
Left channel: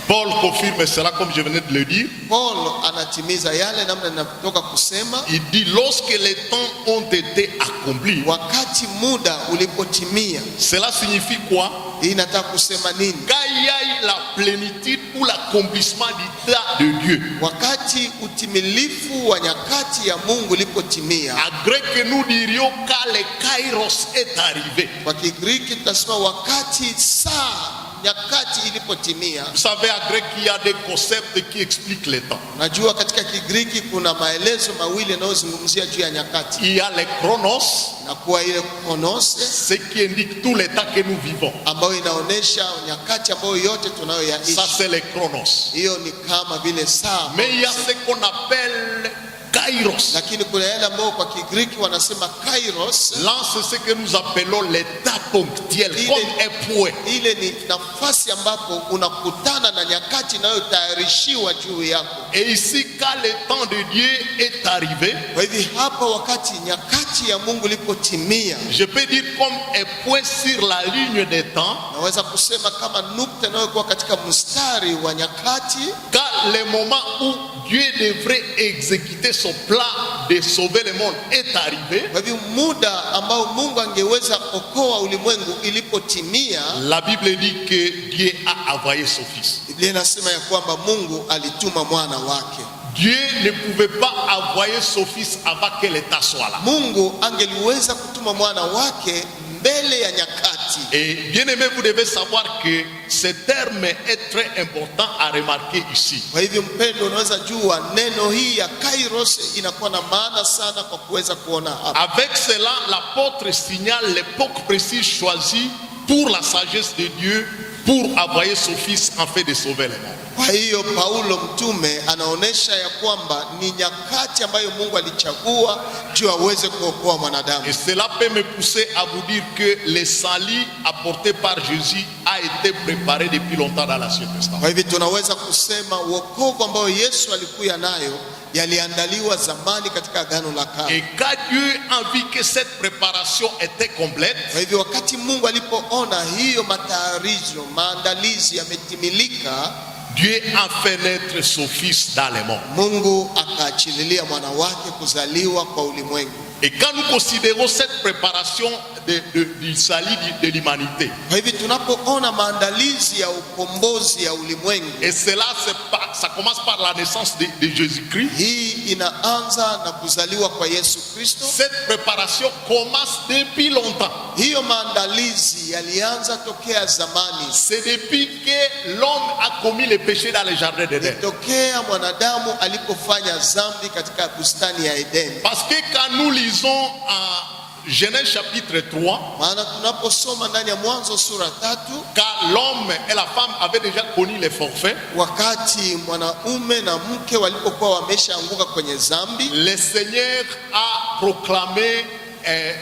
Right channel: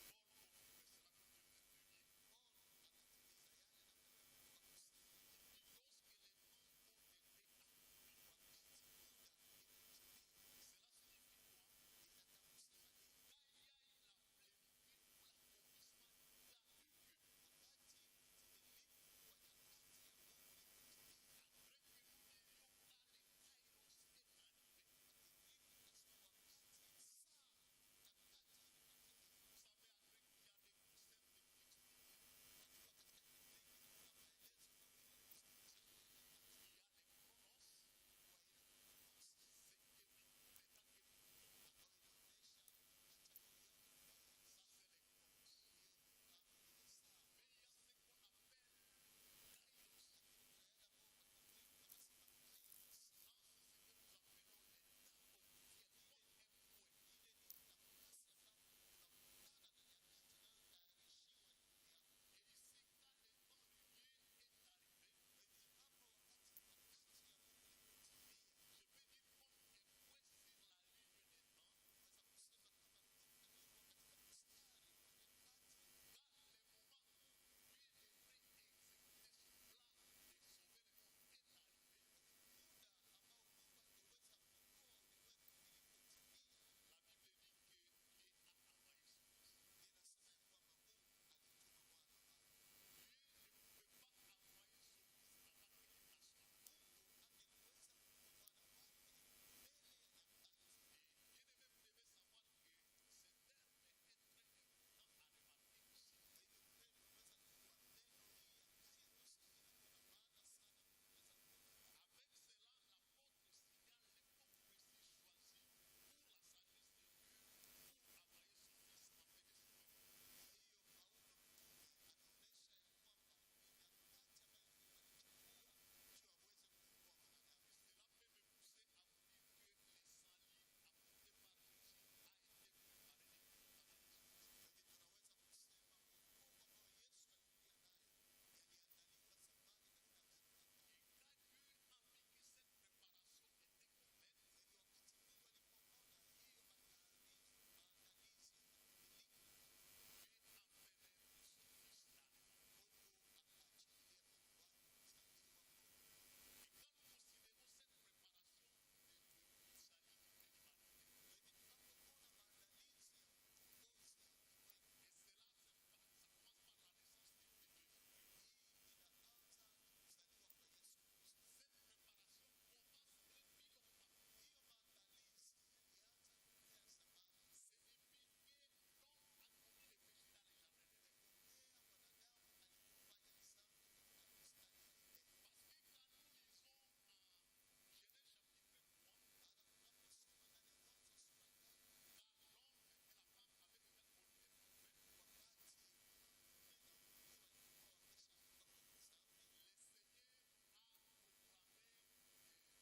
Paul confirme cela comme je venais de le dire. Paul anatimiza yale namna ninatoka kusema. Il dit lorsque les temps ont été accomplis. Wakati muda ulipotimia. Cela signifie quoi? Inataka kusema nini? Quand il y a la plénitude ou l'accomplissement du temps de Dieu. Wakati utimilifu wa nyakati ya Mungu ulipotimia. En grec nous dirions quand le kairos est arrivé. Kwa Kigiriki tunasema wakati saa nyakati ilipotimia. Vous savez, en grec il y a des concepts qui expliquent les temps. Najua katika Kigiriki kuna maelezo mawili yanayozungumzia juu ya nyakati. Il y a le chronos, na kwa ile chronos, ce qui indique tous les temps que nous vivons. Ambayo inaonesha nyakati ambayo yote tunayoyaishi. Ça c'est le chronos. Hiyo ni kama vile saa. Mais il y a ce qu'on appelle kairos. Lakini kuna yale ambayo kwa Kigiriki wanasema kairos. Là c'est ce que nous appelons l'état ponctuel, comme un point. Ile ni nafasi ambapo unakutana na nyakati inayotayarishiwa juu yako. Et ici quand le temps de Dieu est arrivé, kwa hivi hapa wakati nyakati ya Mungu ilipotimia, je peux dire comme un point sur la ligne des temps. Naweza kusema kama nukta inayokuwa katika mstari wa nyakati. Quand le moment où Dieu devrait exécuter son plan de sauver le monde est arrivé. Kwa hivyo muda ambao Mungu angeweza okoa ulimwengu ilipotimia, la Bible dit que Dieu a envoyé son fils. Biblia inasema ya kwamba Mungu alituma mwana wake. Dieu ne pouvait pas envoyer son fils avant que l'état soit là. Mungu angeliweza kutuma mwana wake mbele ya nyakati. Et bien aimé, vous devez savoir que ce terme est très important à remarquer ici. Kwa hivyo mpendo, unaweza jua neno hii ya kairos inakuwa na maana sana kwa kuweza kuona hapa. Avec cela, l'apôtre signale l'époque précise choisie pour la sagesse de Dieu pour envoyer son fils en fait de sauver les mondes. Kwa hiyo Paulo mtume anaonesha ya kwamba ni nyakati ambayo Mungu alichagua juu aweze kuokoa mwanadamu. Et cela peut me pousser à vous dire que le salut apporté par Jésus a été préparé depuis longtemps dans l'Ancien Testament. Kwa hivyo tunaweza kusema wokovu ambao Yesu alikuwa nayo yaliandaliwa zamani katika Agano la Kale. Et quand Dieu a vu que cette préparation était complète, kwa hivyo wakati Mungu alipoona hiyo matayarisho, maandalizi yametimilika, Dieu a fait naître son fils dans le monde. Mungu akaachililia mwana wake kuzaliwa kwa ulimwengu. Et quand nous considérons cette préparation du salut de l'humanité, kwa hivyo tunapoona maandalizi ya ukombozi ya ulimwengu, et cela ça commence par la naissance de Jésus-Christ. Hii inaanza na kuzaliwa kwa Yesu Kristo. Cette préparation commence depuis longtemps. Hiyo maandalizi yalianza tokea zamani. C'est depuis que l'homme a commis le péché dans le jardin d'Éden. Tokea mwanadamu alipofanya dhambi katika bustani ya Eden. Parce que quand nous lisons en Genèse chapitre 3, maana tunaposoma ndani ya Mwanzo sura 3, quand l'homme et la femme avaient déjà connu les forfaits, wakati mwanaume na mke walipokuwa wameshaanguka kwenye dhambi, le Seigneur a proclamé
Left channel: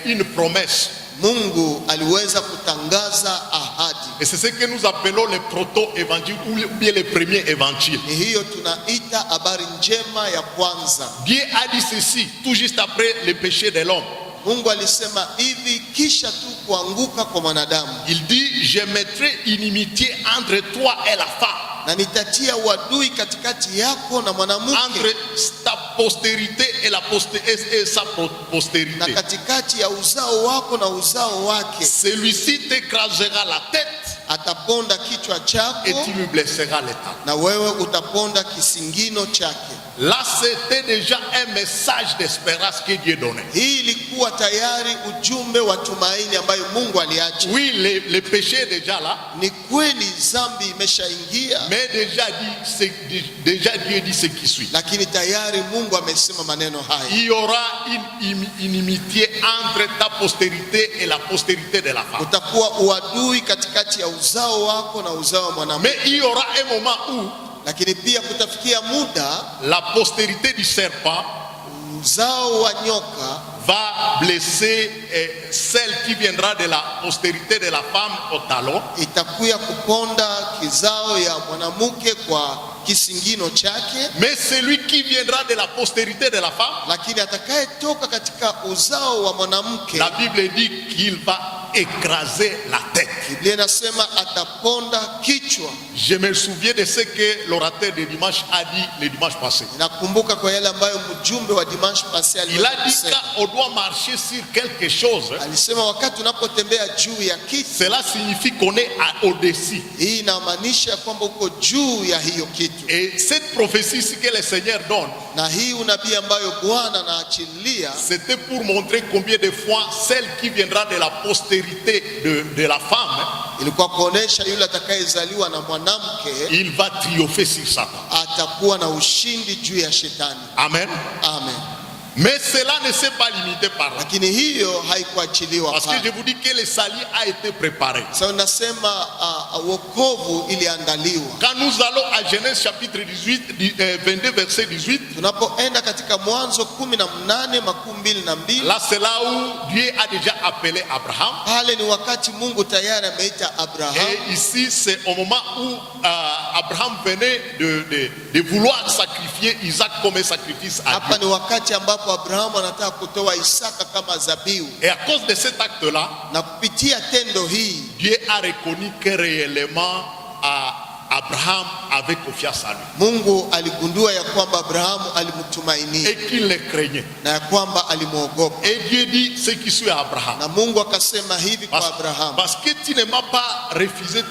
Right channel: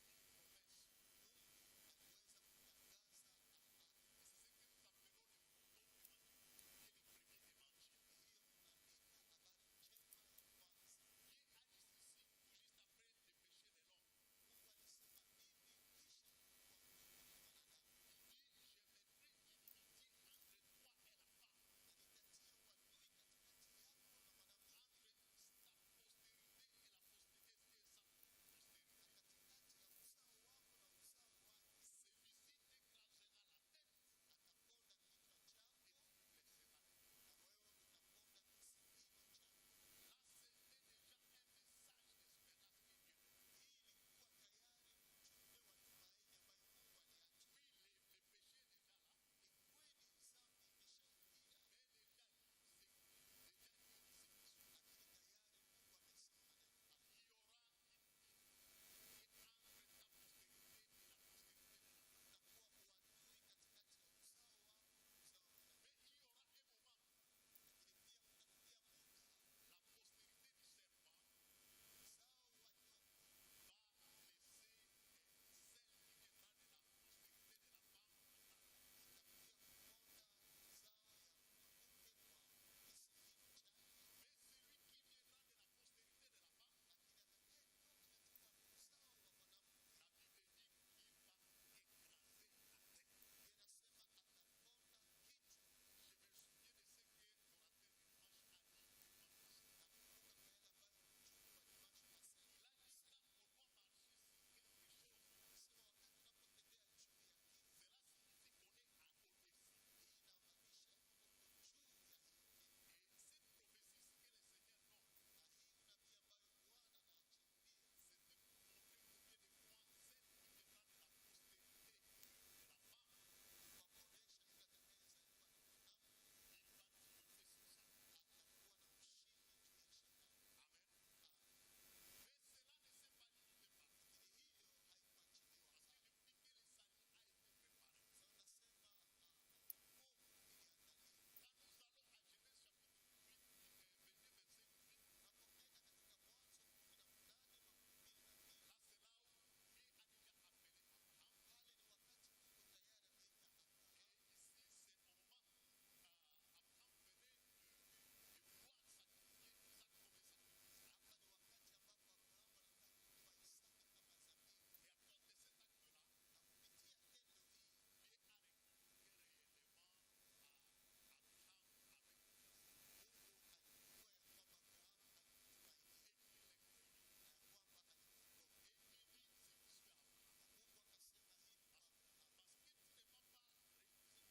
une promesse. Mungu aliweza kutangaza ahadi. Et c'est ce que nous appelons le proto-évangile ou bien le premier évangile. Hiyo tunaita habari njema ya kwanza. Dieu a dit ceci tout juste après le péché de l'homme. Mungu alisema hivi kisha tu kuanguka kwa mwanadamu. Il dit je mettrai inimitié entre toi et la femme. Na nitatia uadui katikati yako na mwanamke. Entre ta postérité et sa postérité. Na katikati ya uzao wako na uzao wake. Celui-ci t'écrasera la tête. Ataponda kichwa chako. Et tu lui blesseras les tendons. Na wewe utaponda kisingino chake. Là c'était déjà un message d'espérance que Dieu donnait. Hii ilikuwa tayari ujumbe wa tumaini ambayo Mungu aliacha. Oui, le péché est déjà là. Ni kweli dhambi imeshaingia. Mais déjà Dieu dit ce qui suit. Lakini tayari Mungu amesema maneno haya. Il y aura une inimitié entre ta postérité et la postérité de la femme. Utakuwa uadui katikati ya uzao wako na uzao wa mwanamke. Mais il y aura un moment où lakini pia kutafikia muda la postérité du serpent uzao wa nyoka va blesser celle qui viendra de la postérité de la femme au talon. Itakuya kuponda kizao ya mwanamke kwa kisingino chake, mais celui qui viendra de la postérité de la femme, lakini atakayetoka katika uzao wa mwanamke, la Bible dit qu'il va écraser la tête. Biblia inasema ataponda kichwa. Je me souviens de ce que l'orateur de dimanche a dit le dimanche passé. Nakumbuka kwa yale ambayo mjumbe wa dimanche passé Il a dit qu'on doit marcher sur quelque chose. alisema wakati unapotembea juu ya kitu, Cela signifie qu'on est au-dessus. hii inamaanisha kwamba uko juu ya hiyo kitu. Et cette prophétie ici que le Seigneur donne, Na hii unabii ambayo Bwana anaachilia, c'était pour montrer combien de fois celle qui viendra de la postérité de la femme, ilikuwa kuonesha yule atakayezaliwa na mwanamke il va triompher sur Satan. atakuwa na ushindi juu ya shetani. Amen. Amen. Mais cela ne s'est pas limité par là. Lakini hiyo haikuachiliwa Parce que je pale. vous dis que le salut a été préparé. Sasa nasema wokovu iliandaliwa. Quand nous allons à Genèse chapitre 22 verset 18, Tunapoenda katika Mwanzo 18:22, là c'est là où Dieu a déjà appelé Abraham. pale ni wakati Mungu tayari ameita Abraham. Et ici c'est au moment où Abraham venait de vouloir sacrifier Isaac comme un sacrifice à Hapa Dieu. ni wakati ambapo Abrahamu anataka kutoa Isaka kama zabihu, Et à cause de cet acte-là, na kupitia tendo hii Dieu a reconnu que réellement Abraham avait confiance en lui Mungu aligundua ya kwamba Abrahamu alimtumainia et qu'il le craignait. na ya kwamba alimwogopa. Et Dieu dit ce qui suit à Abraham. Na Mungu akasema hivi kwa Abrahamu, Parce que tu ne m'as pas refusé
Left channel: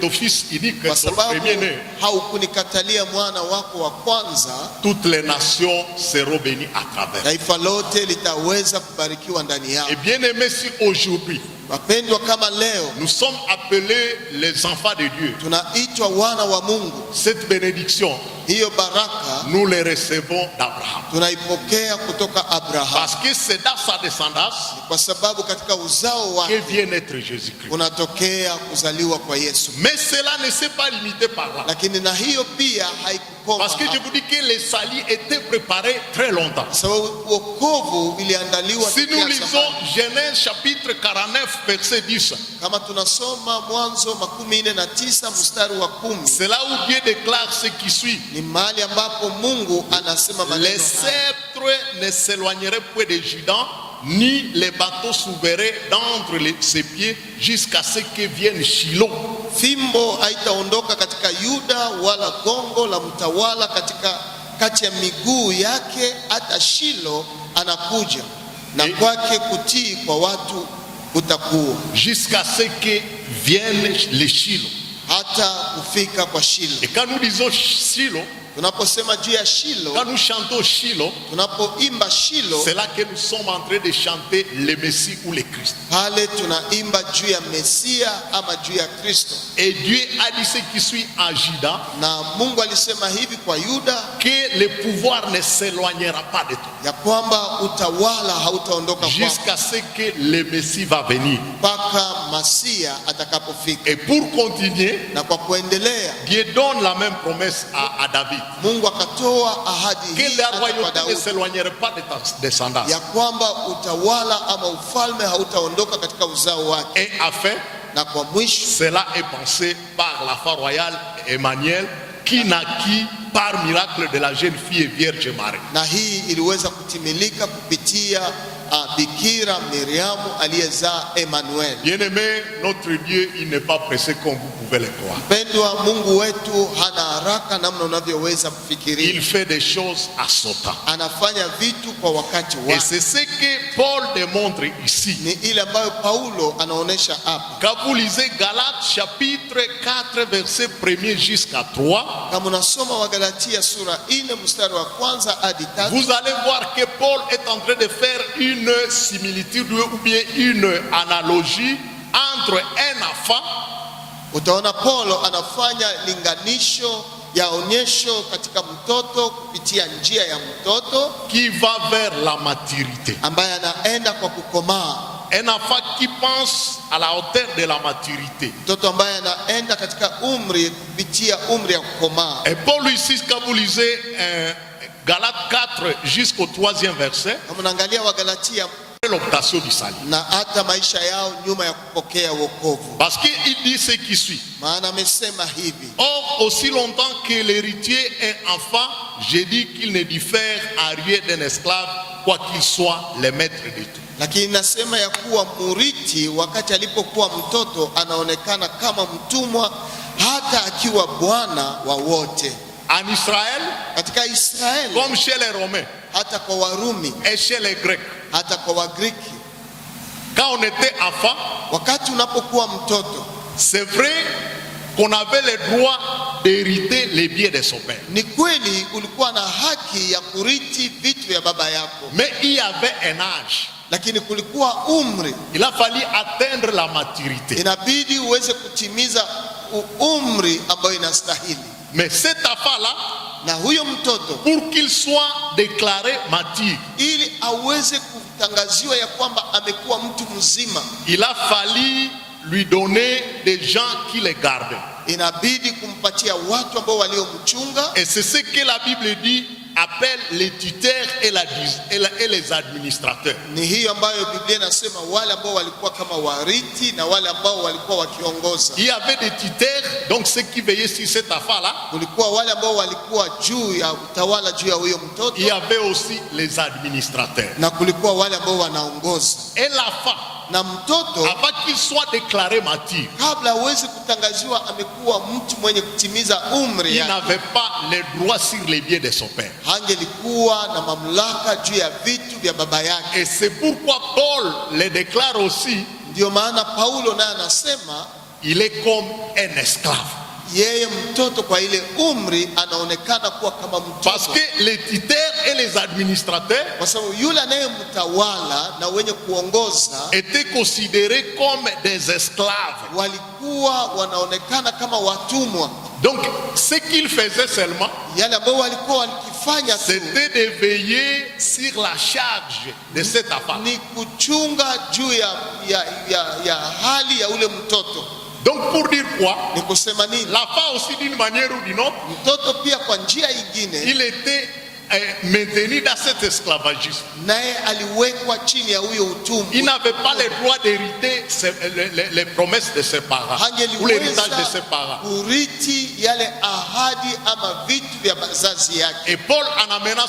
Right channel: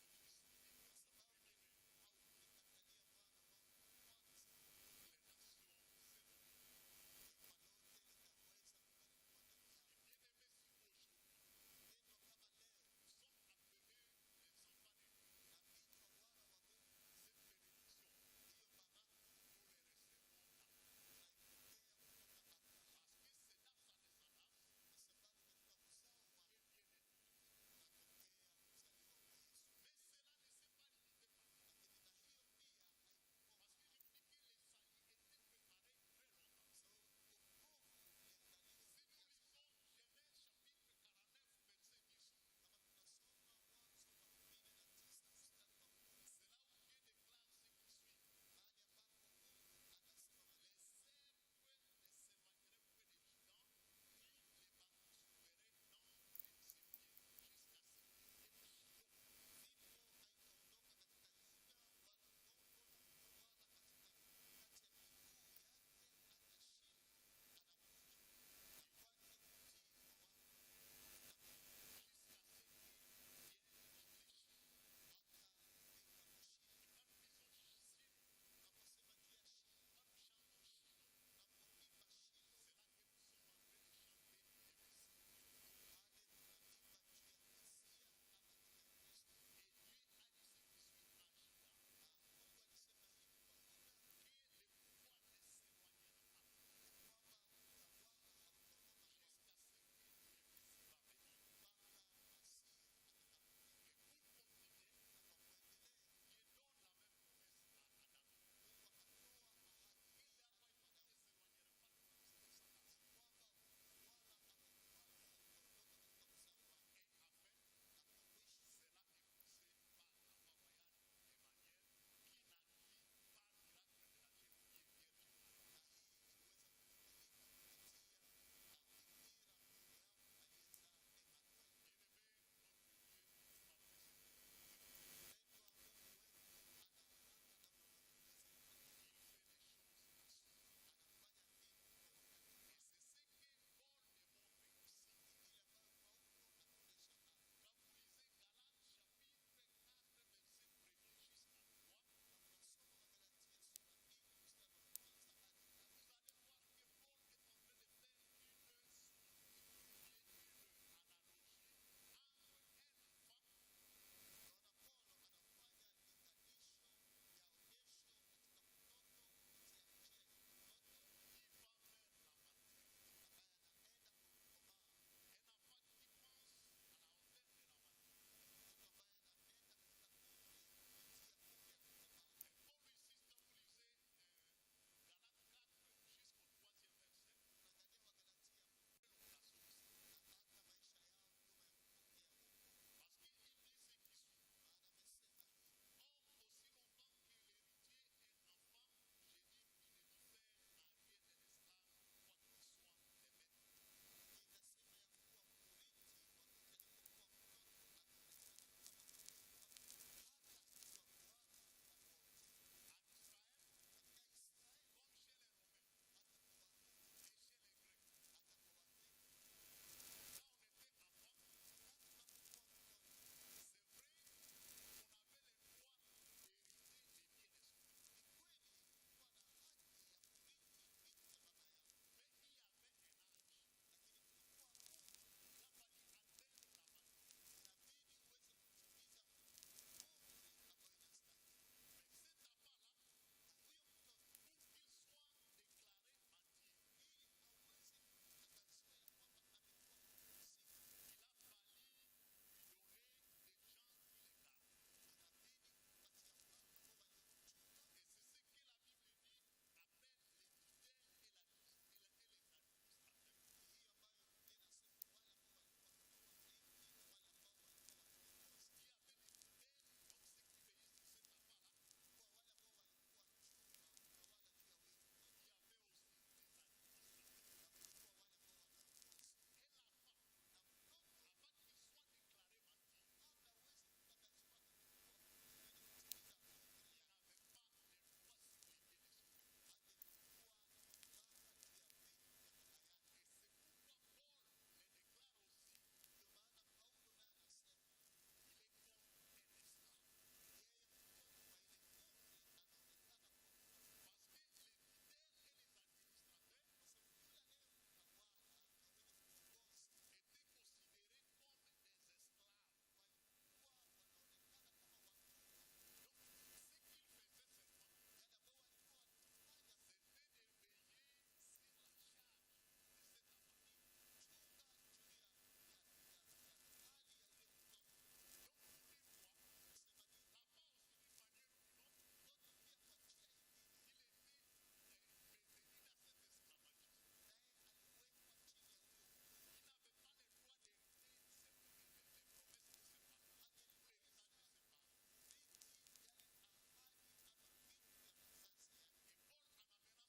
ton fils unique, kwa ton sababu premier-né, haukunikatalia mwana wako wa kwanza, toutes les nations seront bénies à travers. taifa lote litaweza kubarikiwa ndani yao. Et bien aimé, si aujourd'hui Wapendwa, kama leo nous sommes appelés les enfants de Dieu, tunaitwa wana wa Mungu, cette bénédiction, hiyo baraka nous les recevons d'Abraham. tunaipokea kutoka Abrahamu, Parce que c'est dans sa descendance kwa sababu katika uzao que wake vient naître Jésus-Christ. unatokea kuzaliwa kwa Yesu. Mais cela ne s'est pas limité par là. Lakini na hiyo pia haikukoma Parce que je hapo. vous dis que le salut était préparé très longtemps. Sababu wokovu iliandaliwa Si nous tokea lisons zamani. Genèse chapitre 49 verset 10, Kama tunasoma Mwanzo 49 mstari wa 10, c'est là où Dieu déclare ce qui suit. ni mahali ambapo Mungu anasema Les maneno haya: sceptres ne s'éloigneraient point de Juda, ni les bateaux s'ouvraient d'entre ses pieds jusqu'à ce que vienne Shiloh. fimbo haitaondoka katika Yuda, wala gongo la mtawala kati ya miguu yake, hata Shilo anakuja, na kwake kutii kwa watu utakuwa, Jusqu'à ce que vienne le Shiloh. hata kufika kwa Shilo. Et quand nous disons Shiloh, Tunaposema juu ya Shilo, quand nous chantons Shiloh, tunapoimba Shilo, c'est là que nous sommes en train de chanter le Messie ou le Christ. pale tunaimba juu ya Mesia ama juu ya Kristo. Et Dieu a dit ce qui suit en Juda, Na Mungu alisema hivi kwa Yuda, que le pouvoir ne s'éloignera pas de toi ya kwamba utawala hautaondoka kwako jusqu'à ce que le Messie va venir. mpaka Masia atakapofika. Et pour continuer, Na kwa kuendelea, Dieu donne la même promesse à David, Mungu akatoa ahadi que hii la hata kwa royauté ne Daudi, s'éloignerait pas de ta descendance. ya kwamba utawala ama ufalme hautaondoka katika uzao wake. Et enfin, Na kwa mwisho, cela est pensé par la femme royale Emmanuel, qui naquit par miracle de la jeune fille vierge Marie. na hii iliweza kutimilika kupitia Bikira Miriamu aliyezaa Emmanuel. Bien-aimé, notre Dieu, il n'est pas pressé comme vous pouvez le croire. Mpendwa, Mungu wetu hana haraka namna unavyoweza Il kufikiria. fait des choses à son temps. Anafanya vitu kwa wakati Et wake. c'est ce que Paul démontre ici. Ni ile ambayo Paulo anaonesha hapa. Quand vous lisez Galates chapitre 4 verset 1er jusqu'à 3, Kama unasoma Wagalatia sura 4 mstari wa kwanza hadi 3, vous allez voir que Paul est en train de faire une similitude ou bien une analogie entre un enfant utaona Paulo anafanya linganisho ya onyesho katika mtoto kupitia njia ya mtoto qui va vers la maturité. ambaye anaenda kwa kukomaa, Un enfant qui pense à la hauteur de la maturité. mtoto ambaye anaenda katika umri kupitia umri ya kukomaa. Et Paul ici, quand vous lisez Galates 4 jusqu'au 3e verset, Kama unaangalia Wagalatia l'obtention du salut. na hata maisha yao nyuma ya kupokea wokovu. Parce qu'il dit ce qui suit. Maana amesema hivi: Or, aussi longtemps que l'héritier est enfant, j'ai dit qu'il ne diffère en rien d'un esclave, quoi qu'il soit le maître de tout. lakini nasema ya kuwa murithi wakati alipokuwa mtoto anaonekana kama mtumwa, hata akiwa bwana wa wote. En Israël, Katika Israeli, comme chez les Romains hata kwa Warumi, et chez les Grecs, hata kwa Wagriki, quand on était enfant, wakati unapokuwa mtoto, c'est vrai qu'on avait le droit d'hériter les biens de son père. ni kweli ulikuwa na haki ya kurithi vitu vya baba yako, Mais il y avait un âge. lakini kulikuwa umri, Il a fallu atteindre la maturité. inabidi uweze kutimiza umri ambayo inastahili. Mais cet enfant-là, Na huyo mtoto, pour qu'il soit déclaré mature, ili aweze kutangaziwa ya kwamba amekuwa mtu mzima, il a fallu lui donner des gens qui les gardaient. inabidi kumpatia watu ambao waliomchunga. Et c'est ce que la Bible dit, appelle les tuteurs et les administrateurs. Ni hiyo ambayo Biblia inasema wale ambao walikuwa kama warithi na wale ambao walikuwa wakiongoza. Il y avait des tuteurs, donc ceux qui veillaient sur cet enfant-là. Kulikuwa wale ambao walikuwa juu ya utawala juu ya huyo mtoto, Il y avait aussi les administrateurs. na kulikuwa wale ambao wanaongoza. Et l'enfant, Na mtoto avant qu'il soit déclaré mature, kabla aweze kutangaziwa amekuwa mtu mwenye kutimiza umri il yake, n'avait pas les droits sur les biens de son père. hangelikuwa na mamlaka juu ya vitu vya baba yake. Et c'est pourquoi Paul le déclare aussi, Ndio maana Paulo naye anasema il est comme un esclave. yeye mtoto kwa ile umri anaonekana kuwa kama Parce mtoto, que les tuteurs et les administrateurs kwa sababu yule anayemtawala na wenye kuongoza étaient considérés comme des esclaves. walikuwa wanaonekana kama watumwa. Donc, ce qu'ils faisaient seulement, Yale ambao walikuwa wakifanya tu c'était de veiller sur la charge de cet enfant. ni kuchunga juu ya hali ya ule mtoto. Donc, pour dire quoi, Ni kusema nini? l'enfant aussi d'une manière ou d'une autre, Mtoto pia kwa njia ingine il était maintenu dans cet esclavagisme. naye aliwekwa chini ya huyo utumwa. Il n'avait pas le droit d'hériter les promesses de ses parents ou l'héritage de ses parents. kurithi yale ahadi ama vitu vya bazazi yake. Et Paul, en amenant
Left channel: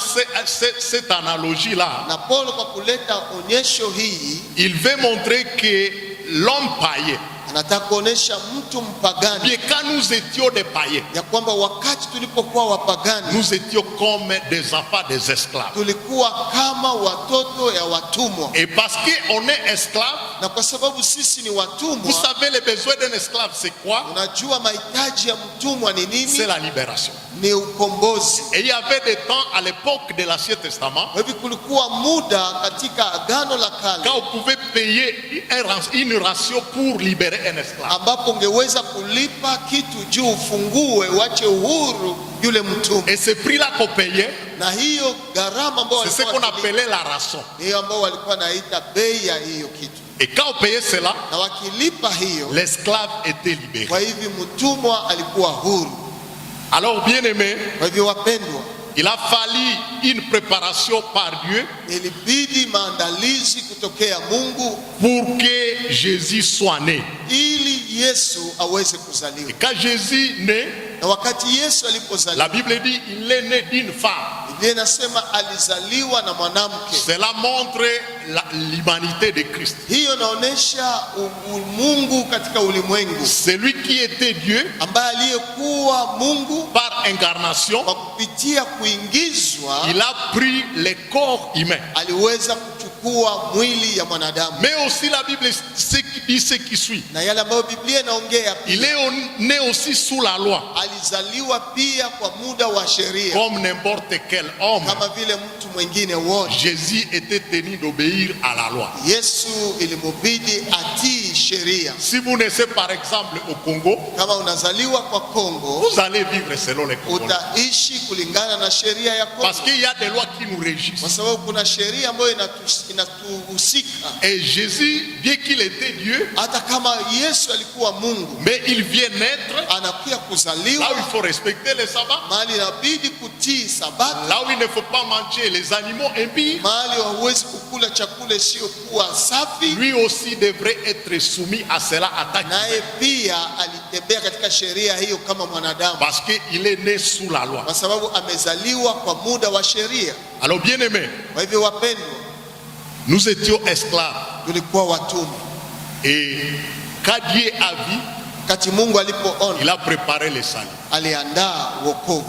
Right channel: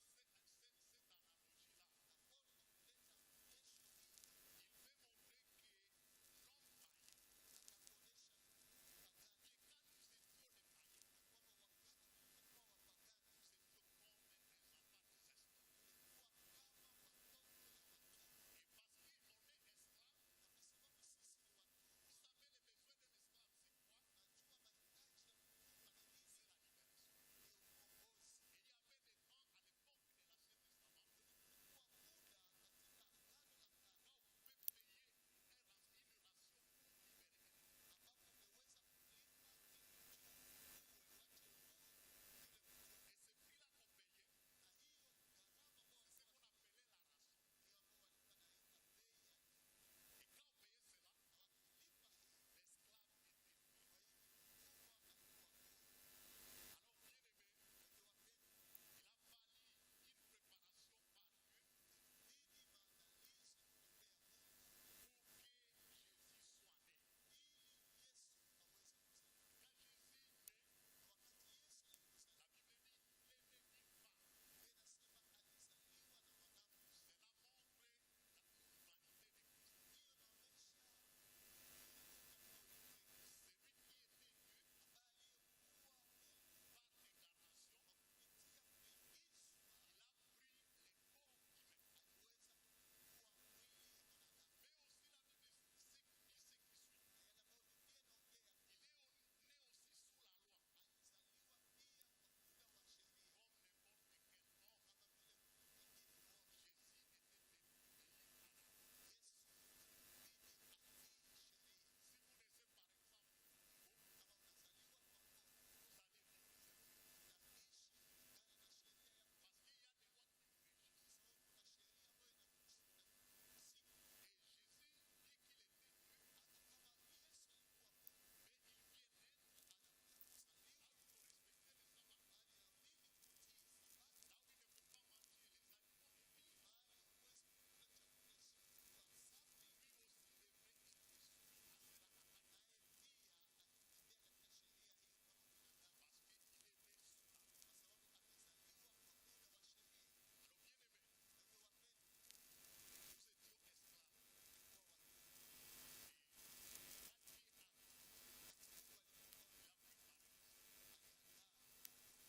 cette analogie-là, Na Paulo kwa kuleta onyesho hii il veut montrer que l'homme païen, anataka kuonesha mtu mpagani bien quand nous étions des païens, ya kwamba wakati tulipokuwa wapagani nous étions comme des enfants, des esclaves. tulikuwa kama watoto ya watumwa, Et parce qu'on est esclave, na kwa sababu sisi ni vous watumwa, savez les besoins d'un esclave, c'est quoi? unajua mahitaji ya mtumwa ni nini? C'est la libération. Ni ukombozi. Et il y avait des temps à l'époque de l'Ancien Testament, Kwa hivyo kulikuwa muda katika agano la kale quand on pouvait payer une ration pour libérer un esclave. ambapo ungeweza kulipa kitu juu ufungue wache uhuru yule mtumwa, Et ce prix-là qu'on payait, na hiyo gharama ambayo c'est ce qu'on walikuwa wakilipa, appelait la rançon. hiyo ambao walikuwa naita bei ya hiyo kitu, Et quand on payait cela, na wakilipa hiyo, l'esclave était libéré. kwa hivyo mtumwa alikuwa huru. Alors, bien aimé, Kwa hivyo wapendwa, il a fallu une préparation par Dieu ilibidi maandalizi kutokea Mungu pour que Jésus soit né. ili Yesu aweze Et kuzaliwa. quand Jésus naît, Na wakati Yesu la alipozaliwa, Bible dit il est né d'une femme. Biblia inasema alizaliwa na mwanamke. Cela montre l'humanité de Christ. Hiyo inaonyesha Mungu katika ulimwengu, Celui qui était Dieu ambaye aliyekuwa Mungu par incarnation, kwa kupitia kuingizwa il a pris le corps humain. aliweza kuchukua mwili ya mwanadamu. Mais aussi la Bible dit ce qui suit. Na yale ambayo Biblia inaongea Il pia, est né aussi sous la loi, alizaliwa pia kwa muda wa sheria comme n'importe quel homme. kama vile mtu mwingine wote. Jésus était tenu d'obéir à la loi. Yesu ilimubidi atii sheria. Si vous naissez par exemple au Congo, Kama unazaliwa kwa Kongo, vous allez vivre selon les Congolais. utaishi kulingana na sheria ya Parce Kongo, qu'il y a des lois qui nous régissent. kwa sababu kuna sheria ambayo inatuhusika. Et Jésus, bien qu'il était Dieu, Hata kama Yesu alikuwa Mungu, mais il vient naître anakuja là où kuzaliwa il faut respecter les sabbats, mahali inabidi kutii Sabato, là où il ne faut pas manger les animaux impurs. mahali hauwezi kukula chakula isiyokuwa safi. Lui aussi devrait être soumis à cela en tant Naye qu'humain. pia alitembea katika sheria hiyo kama mwanadamu, Parce qu'il est né sous la loi. kwa sababu amezaliwa kwa muda wa sheria. Alors bien aimé, Kwa hivyo wapendwa, nous étions esclaves. tulikuwa watumwa. Et quand Dieu a vu, Wakati Mungu alipoona, il a préparé le salut aliandaa wokovu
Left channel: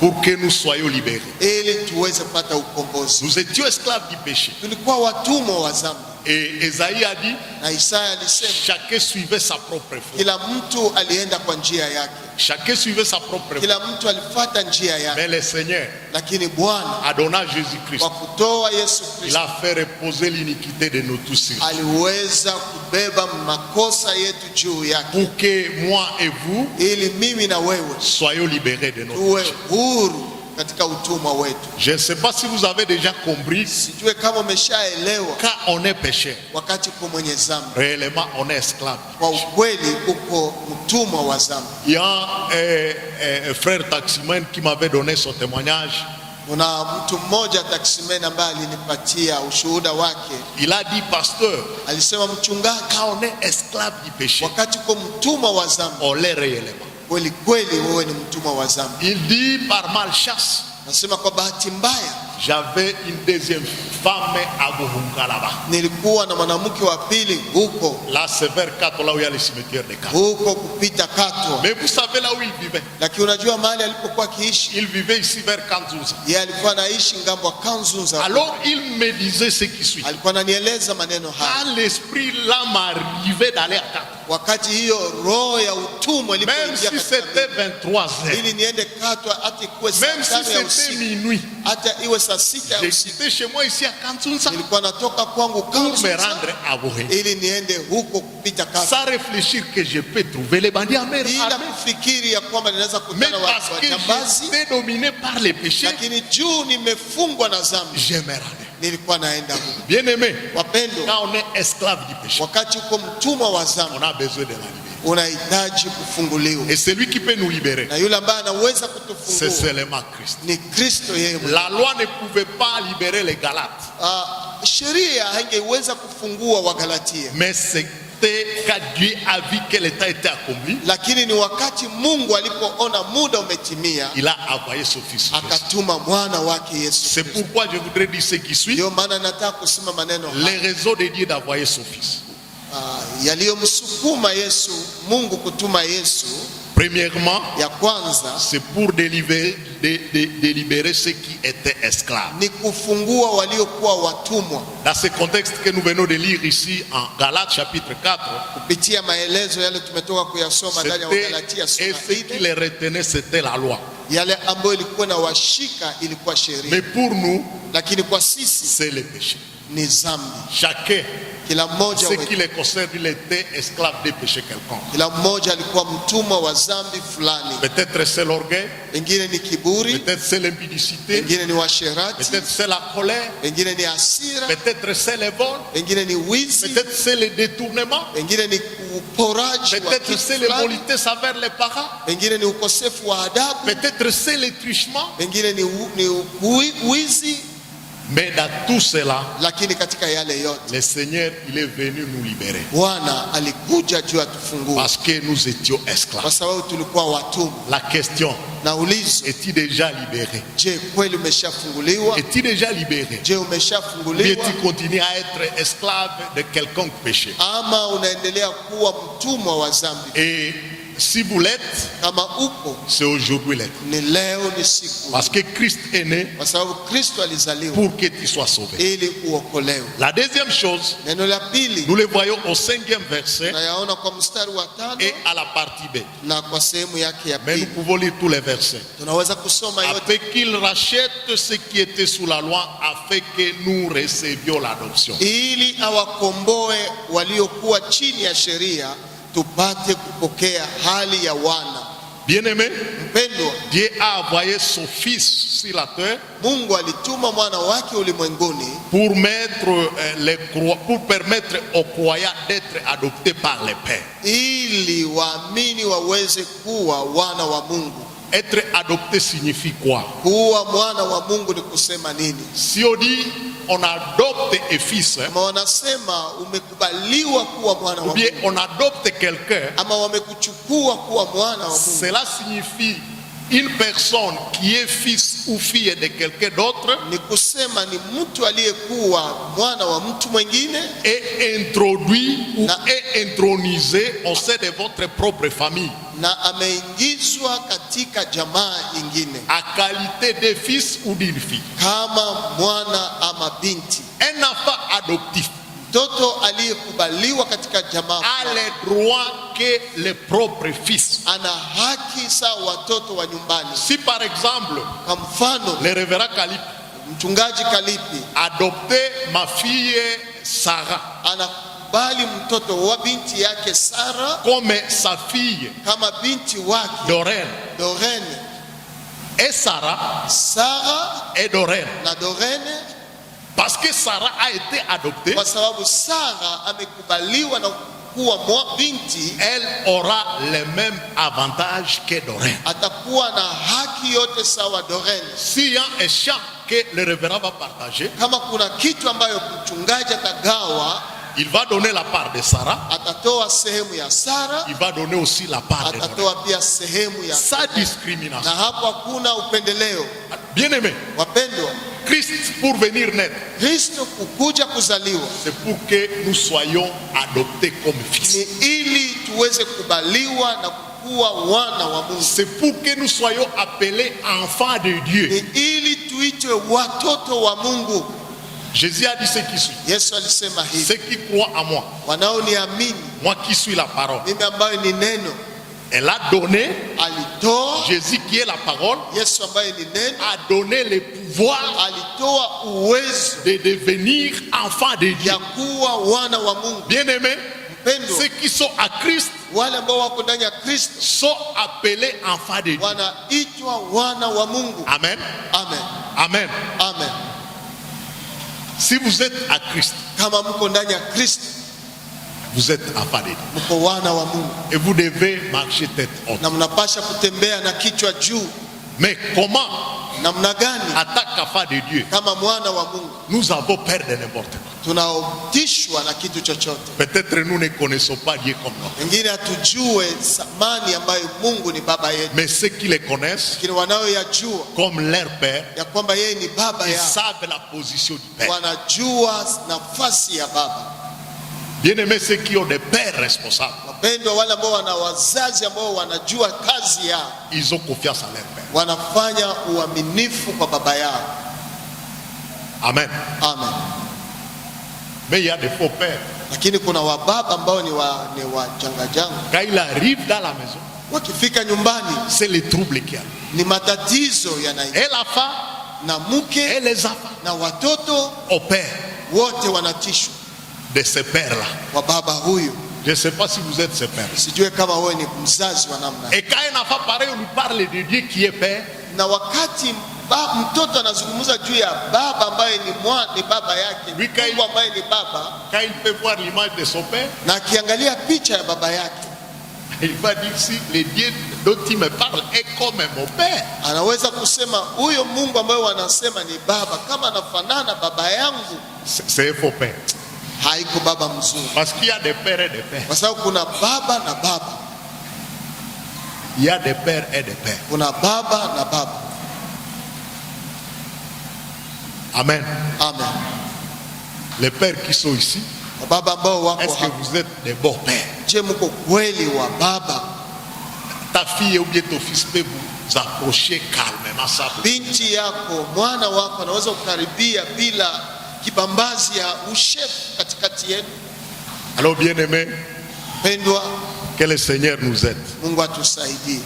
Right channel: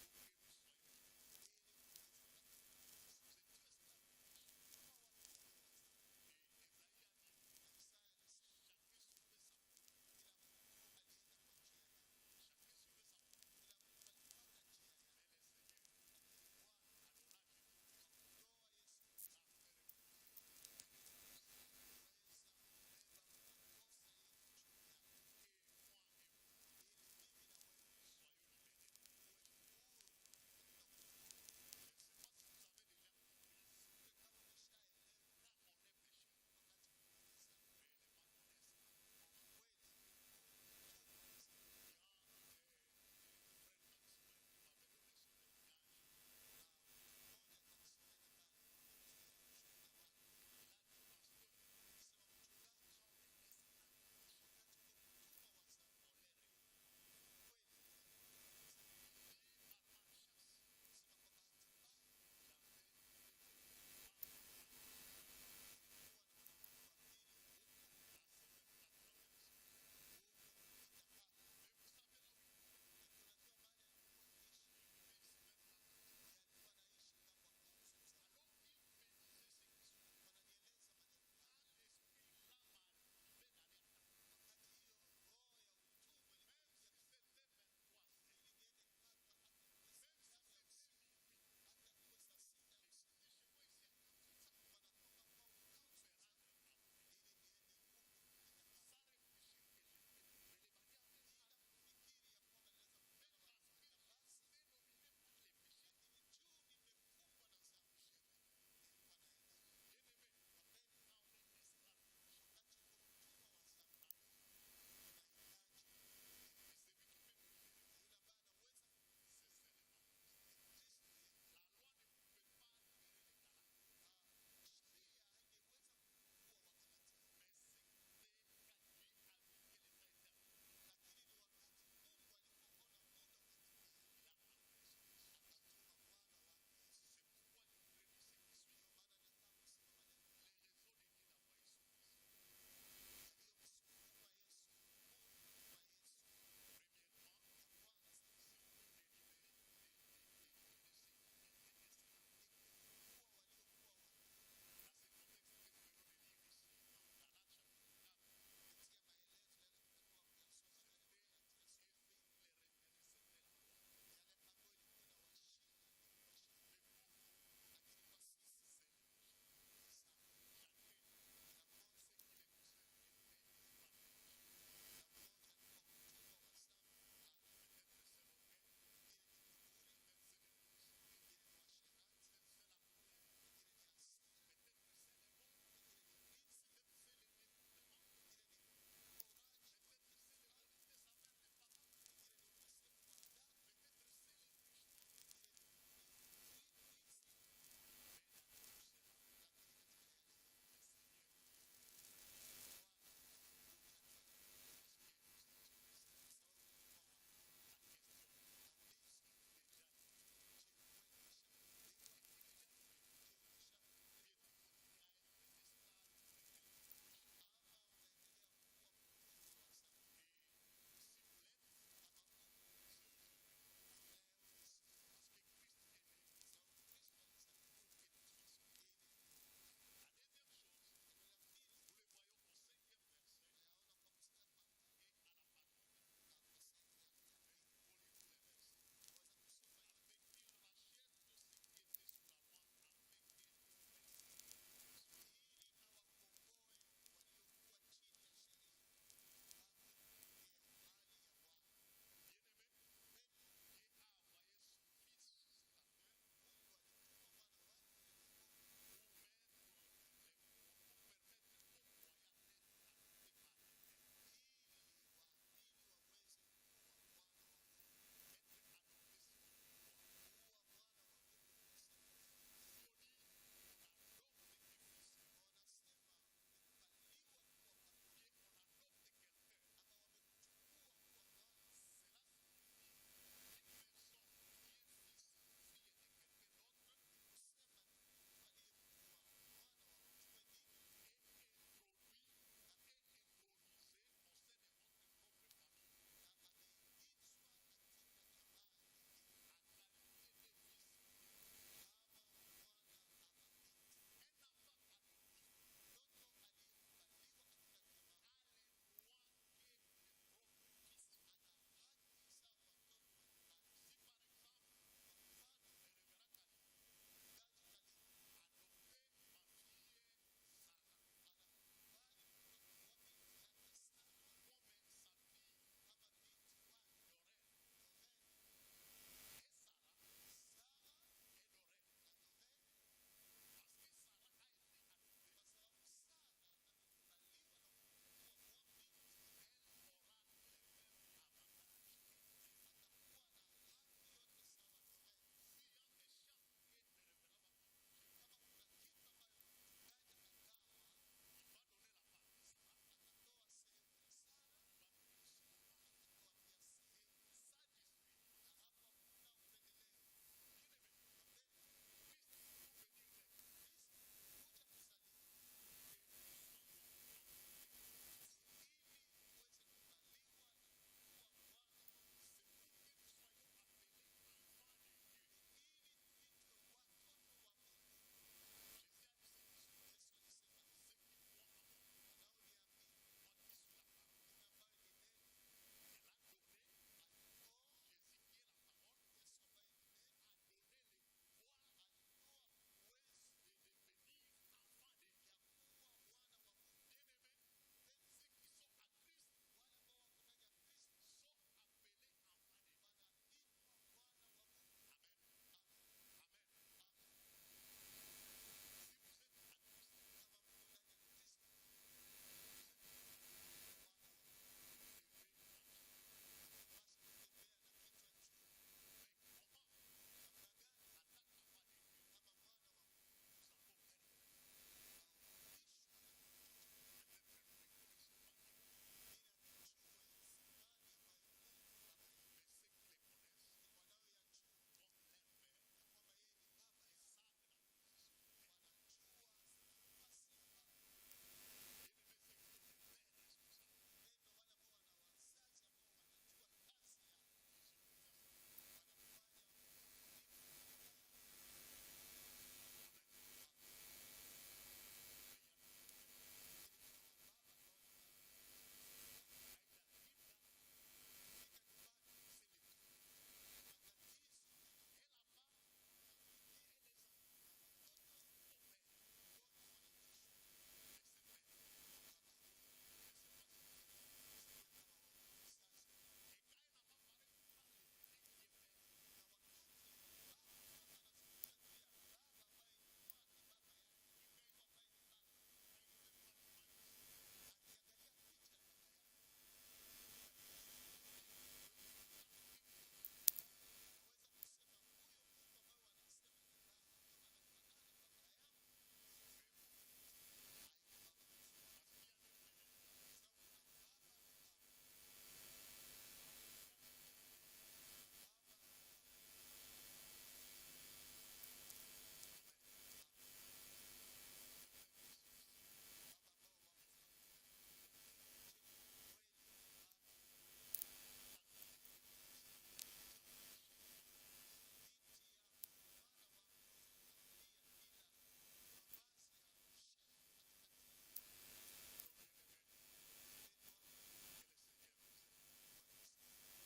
pour que nous soyons libérés. ili tuweze kupata ukombozi. Nous étions esclaves du péché. Tulikuwa watumwa wa dhambi, Et Esaïe a dit, na Isaya alisema chacun suivait sa propre foi. kila mtu alienda kwa njia yake, Chacun suivait sa propre foi. kila mtu alifuata njia yake. Mais le Seigneur, Lakini Bwana a donné à Jésus-Christ, kwa kutoa Yesu il Kristo a fait reposer l'iniquité de nous tous sur lui. aliweza kubeba makosa yetu juu yake, Pour que moi et vous ili mimi na wewe soyons libérés de nos tuwe péchés. huru katika utumwa wetu. Je ne sais pas si vous avez déjà compris, Sijue kama umeshaelewa, quand on est pécheur, wakati uko mwenye dhambi, réellement on est esclave. kwa ukweli uko mtumwa wa dhambi. Il y a un frère taximan qui m'avait donné son témoignage. Kuna mtu mmoja taksimen ambaye alinipatia ushuhuda wake. Il a dit, pasteur, Alisema, mchungaji, quand on est esclave du péché, wakati uko mtumwa wa dhambi, on l'est réellement. kweli kweli wewe ni mtumwa wa dhambi. Il dit, par malchance, Nasema kwa bahati mbaya j'avais une deuxième femme à Bohunga là-bas. nilikuwa na mwanamke wa pili huko Là, c'est vers Kato, là où il y a le cimetière de Kato. huko kupita Katwa. Mais vous savez là où il vivait? Lakini unajua mahali alipokuwa akiishi, Il vivait ici vers Kanzouza. yeye alikuwa anaishi ngambo wa Kanzunza. Alors, il me disait ce qui suit. Alikuwa ananieleza maneno haya, Quand l'esprit là m'arrivait d'aller à Kato, wakati hiyo roho ya utumwa même ilipoingia si katika c'était mimi, 23 heures, ili niende Katwa, hata ikuwe saa même si 5 ya c'était usiku, minuit, hata iwe saa 6 ya j'ai usiku, quitté chez moi ici à Kanzouza nilikuwa natoka kwangu pour me Kanzunza rendre à Bohunga. ili niende huko kupita Katwa, Sans réfléchir que je peux trouver les bandits armés. bila kufikiri ya kwamba ninaweza Mais kukutana parce watu que wajambazi, j'étais dominé par les péchés, lakini juu nimefungwa na dhambi, je me rendais. nilikuwa naenda huko. Bien aimé, Wapendwa, quand on est esclave du péché, wakati uko mtumwa wa dhambi, on a besoin de la liberté. unahitaji kufunguliwa, Et celui qui peut nous libérer, na yule ambaye anaweza c'est kutufungua seulement Christ. ni Kristo yeye mwenyewe. La loi ne pouvait pas libérer les Galates, Sheria haingeweza kufungua Wagalatia, mais c'était quand Dieu a vu que le temps était accompli, lakini ni wakati Mungu alipoona muda umetimia, il a envoyé son fils Jésus. akatuma mwana wake Yesu C'est Kristo. pourquoi je voudrais dire ce qui suit. Ndio maana nataka kusema maneno haya, Les raisons de Dieu d'envoyer son fils. yaliyomsukuma Yesu, Mungu kutuma Yesu. Premièrement, Ya kwanza c'est pour délibérer ceux qui étaient esclaves. ni kufungua waliokuwa watumwa. Dans ce contexte que nous venons de lire ici en Galates chapitre 4, Kupitia maelezo yale tumetoka kuyasoma ndani ya Wagalatia et sura ce qui 4, les retenait, c'était la loi. yale ambayo ilikuwa na washika ilikuwa sheria, Mais pour nous, lakini kwa sisi c'est le péché. ni dhambi. Chacun, Kila mmoja ce wetu, qui les concerne, il était esclave des péchés quelconques. kila mmoja alikuwa mtumwa wa dhambi fulani. Peut-être c'est l'orgueil, Pengine ni kiburi, peut-être c'est l'impudicité, pengine ni washerati, peut-être c'est la colère, pengine ni hasira, peut-être c'est le vol, pengine ni wizi, peut-être c'est le détournement, pengine ni uporaji wa peut-être kitu c'est fulani, l'impolitesse envers les parents, pengine ni ukosefu wa adabu, peut-être c'est le trichement. pengine ni wizi. Mais dans tout cela, Lakini katika yale yote le Seigneur, il est venu nous libérer. Bwana alikuja juu atufungue, Parce que nous étions kwa esclaves. sababu tulikuwa watumwa. La question, Naulizo, es-tu déjà libéré? je, kweli umeshafunguliwa? Es-tu déjà libéré? Je, Ou bien umeshafunguliwa tu continues à être esclave de quelconque péché? ama unaendelea kuwa mtumwa wa dhambi? Et si vous l'êtes, Kama upo, c'est aujourd'hui l'être. ni leo ni siku. Parce que Christ est né Kwa sababu Kristo alizaliwa pour que tu sois sauvé. ili uokolewe. La deuxième chose, Neno la pili nous le voyons au 5e verset tunayaona kwa mstari wa 5 et à la partie B. na kwa sehemu yake ya Mais nous pili. pouvons lire tous les versets. Tunaweza kusoma yote. Afin qu'il rachète ce qui était sous la loi, afin que nous recevions l'adoption. Ili awakomboe waliokuwa chini ya sheria tupate kupokea hali ya wana. Bien-aimé, Mpendwa, Dieu a envoyé son Fils sur la terre Mungu alituma mwana wake ulimwenguni pour pour permettre aux croyants d'être adoptés par les pères. ili waamini waweze kuwa wana wa Mungu. Être adopté signifie quoi? Kuwa mwana wa Mungu ni kusema nini? Si on dit on adopte un fils, Kama wanasema umekubaliwa kuwa mwana ou wa bien Mungu on adopte quelqu'un, ama wamekuchukua kuwa mwana wa Mungu, cela signifie une personne qui est fils ou fille de quelqu'un d'autre ni kusema ni mtu aliyekuwa mwana wa mtu mwingine est introduit ou est intronisé au sein de votre propre famille na ameingizwa katika jamaa nyingine à qualité de fils ou d'une fille. kama mwana ama binti. Un enfant adoptif Mtoto aliyekubaliwa katika jamaa a les droits que les propres fils. ana haki sawa watoto wa nyumbani. Si par exemple Kwa mfano, le révérend Kalip mchungaji Kalipi adoptait ma fille Sarah anakubali mtoto wa binti yake Sara comme sa fille kama binti wake Doreen, Dorene. et Sarah Sara et Doreen, na Dorene, parce que Sarah a été adoptée, kwa sababu Sara amekubaliwa na kuwa binti, elle aura les mêmes avantages que Doreen. atakuwa na haki yote sawa Dorene. S'il y a un champ que le révérend va partager, Kama kuna kitu ambayo mchungaji atagawa, il va donner la part de Sarah, atatoa sehemu ya Sara, il va donner aussi la part de Doreen. atatoa pia sehemu ya, Sans na discrimination. hapo hakuna upendeleo. Bien-aimé, Wapendwa, Christ pour venir naître, Kristo kukuja kuzaliwa c'est pour que nous soyons adoptés comme fils. ni ili tuweze kubaliwa na kuwa wana wa Mungu, C'est pour que nous soyons appelés enfants de Dieu. ni ili tuitwe watoto wa Mungu. Jésus a dit ce qui suit. Yesu alisema hivi, Ceux qui croient en moi, wanaoniamini moi qui suis la parole. mimi ambayo ni neno, Elle a donné, alitoa Jésus qui est la parole, Yesu ambaye ni neno, a donné le pouvoir alitoa uwezo de devenir enfants de Dieu. ya kuwa wana wa Mungu. Bien-aimés, Mpendwa, ceux qui sont à Christ wale ambao wako ndani ya Kristo sont appelés enfants de Dieu. wanaitwa wana wa Mungu. Amen. Amen, Amen. amen. Si vous êtes à Christ, Kama mko ndani ya Kristo, vous êtes enfants de Dieu. mko wana wa Mungu Et vous devez marcher tête haute. na mnapasha kutembea na kichwa juu. Mais comment, Namna gani? en tant qu'enfant de Dieu, Kama mwana wa Mungu nous avons peur de n'importe quoi? tunaotishwa na kitu chochote. Peut-être nous ne connaissons pas Dieu comme nous. Wengine hatujue thamani ambayo Mungu ni baba yetu, Mais ceux qui le connaissent lakini wanaoyajua comme leur père, ya kwamba yeye ni baba ils yao, savent la position du père. wanajua nafasi ya baba. Bien-aimés, ceux qui ont des pères responsables, Wapendwa, wale ambao wana wazazi ambao wanajua kazi yao, ils ont confiance en leur père. wanafanya uaminifu kwa baba yao. Amen. Amen. Mais il y a des faux pères. Lakini kuna wababa ambao ni wajangajanga, Quand il arrive dans la maison, wakifika nyumbani c'est les troubles qu'il y a. ni matatizo yanaingia, Et la femme na et mke les enfants na watoto au père wote wanatishwa de ces pères-là. kwa baba huyu. Je ne sais pas si vous êtes ces pères. Sijue kama wewe ni mzazi wa namna. Et quand un enfant pareil, on lui parle de Dieu qui est père, Na wakati mtoto anazungumza juu ya baba ambaye ni baba yake, Mungu ambaye ni baba, quand il peut voir l'image de son père, na akiangalia picha ya baba yake, il va dire si le Dieu dont il me parle est comme mon père. anaweza kusema huyo Mungu ambaye wanasema ni baba, kama anafanana baba yangu, C'est un faux père. haiko baba mzuri, Parce qu'il y a des pères et des pères. kwa sababu kuna baba na baba, Il y a des pères et des pères. kuna baba na baba. Amen. Amen. Les pères qui sont ici, Baba ambao wako est-ce que hapa, vous êtes des bons pères? je, mko kweli wa baba? fille ou bien ton fils peut vous approcher calmement. Ça. Binti yako, mwana wako anaweza kukaribia bila kibambazi ya ushefu katikati yenu. Alors bien-aimés, Pendwa, que le Seigneur nous aide. Mungu atusaidie.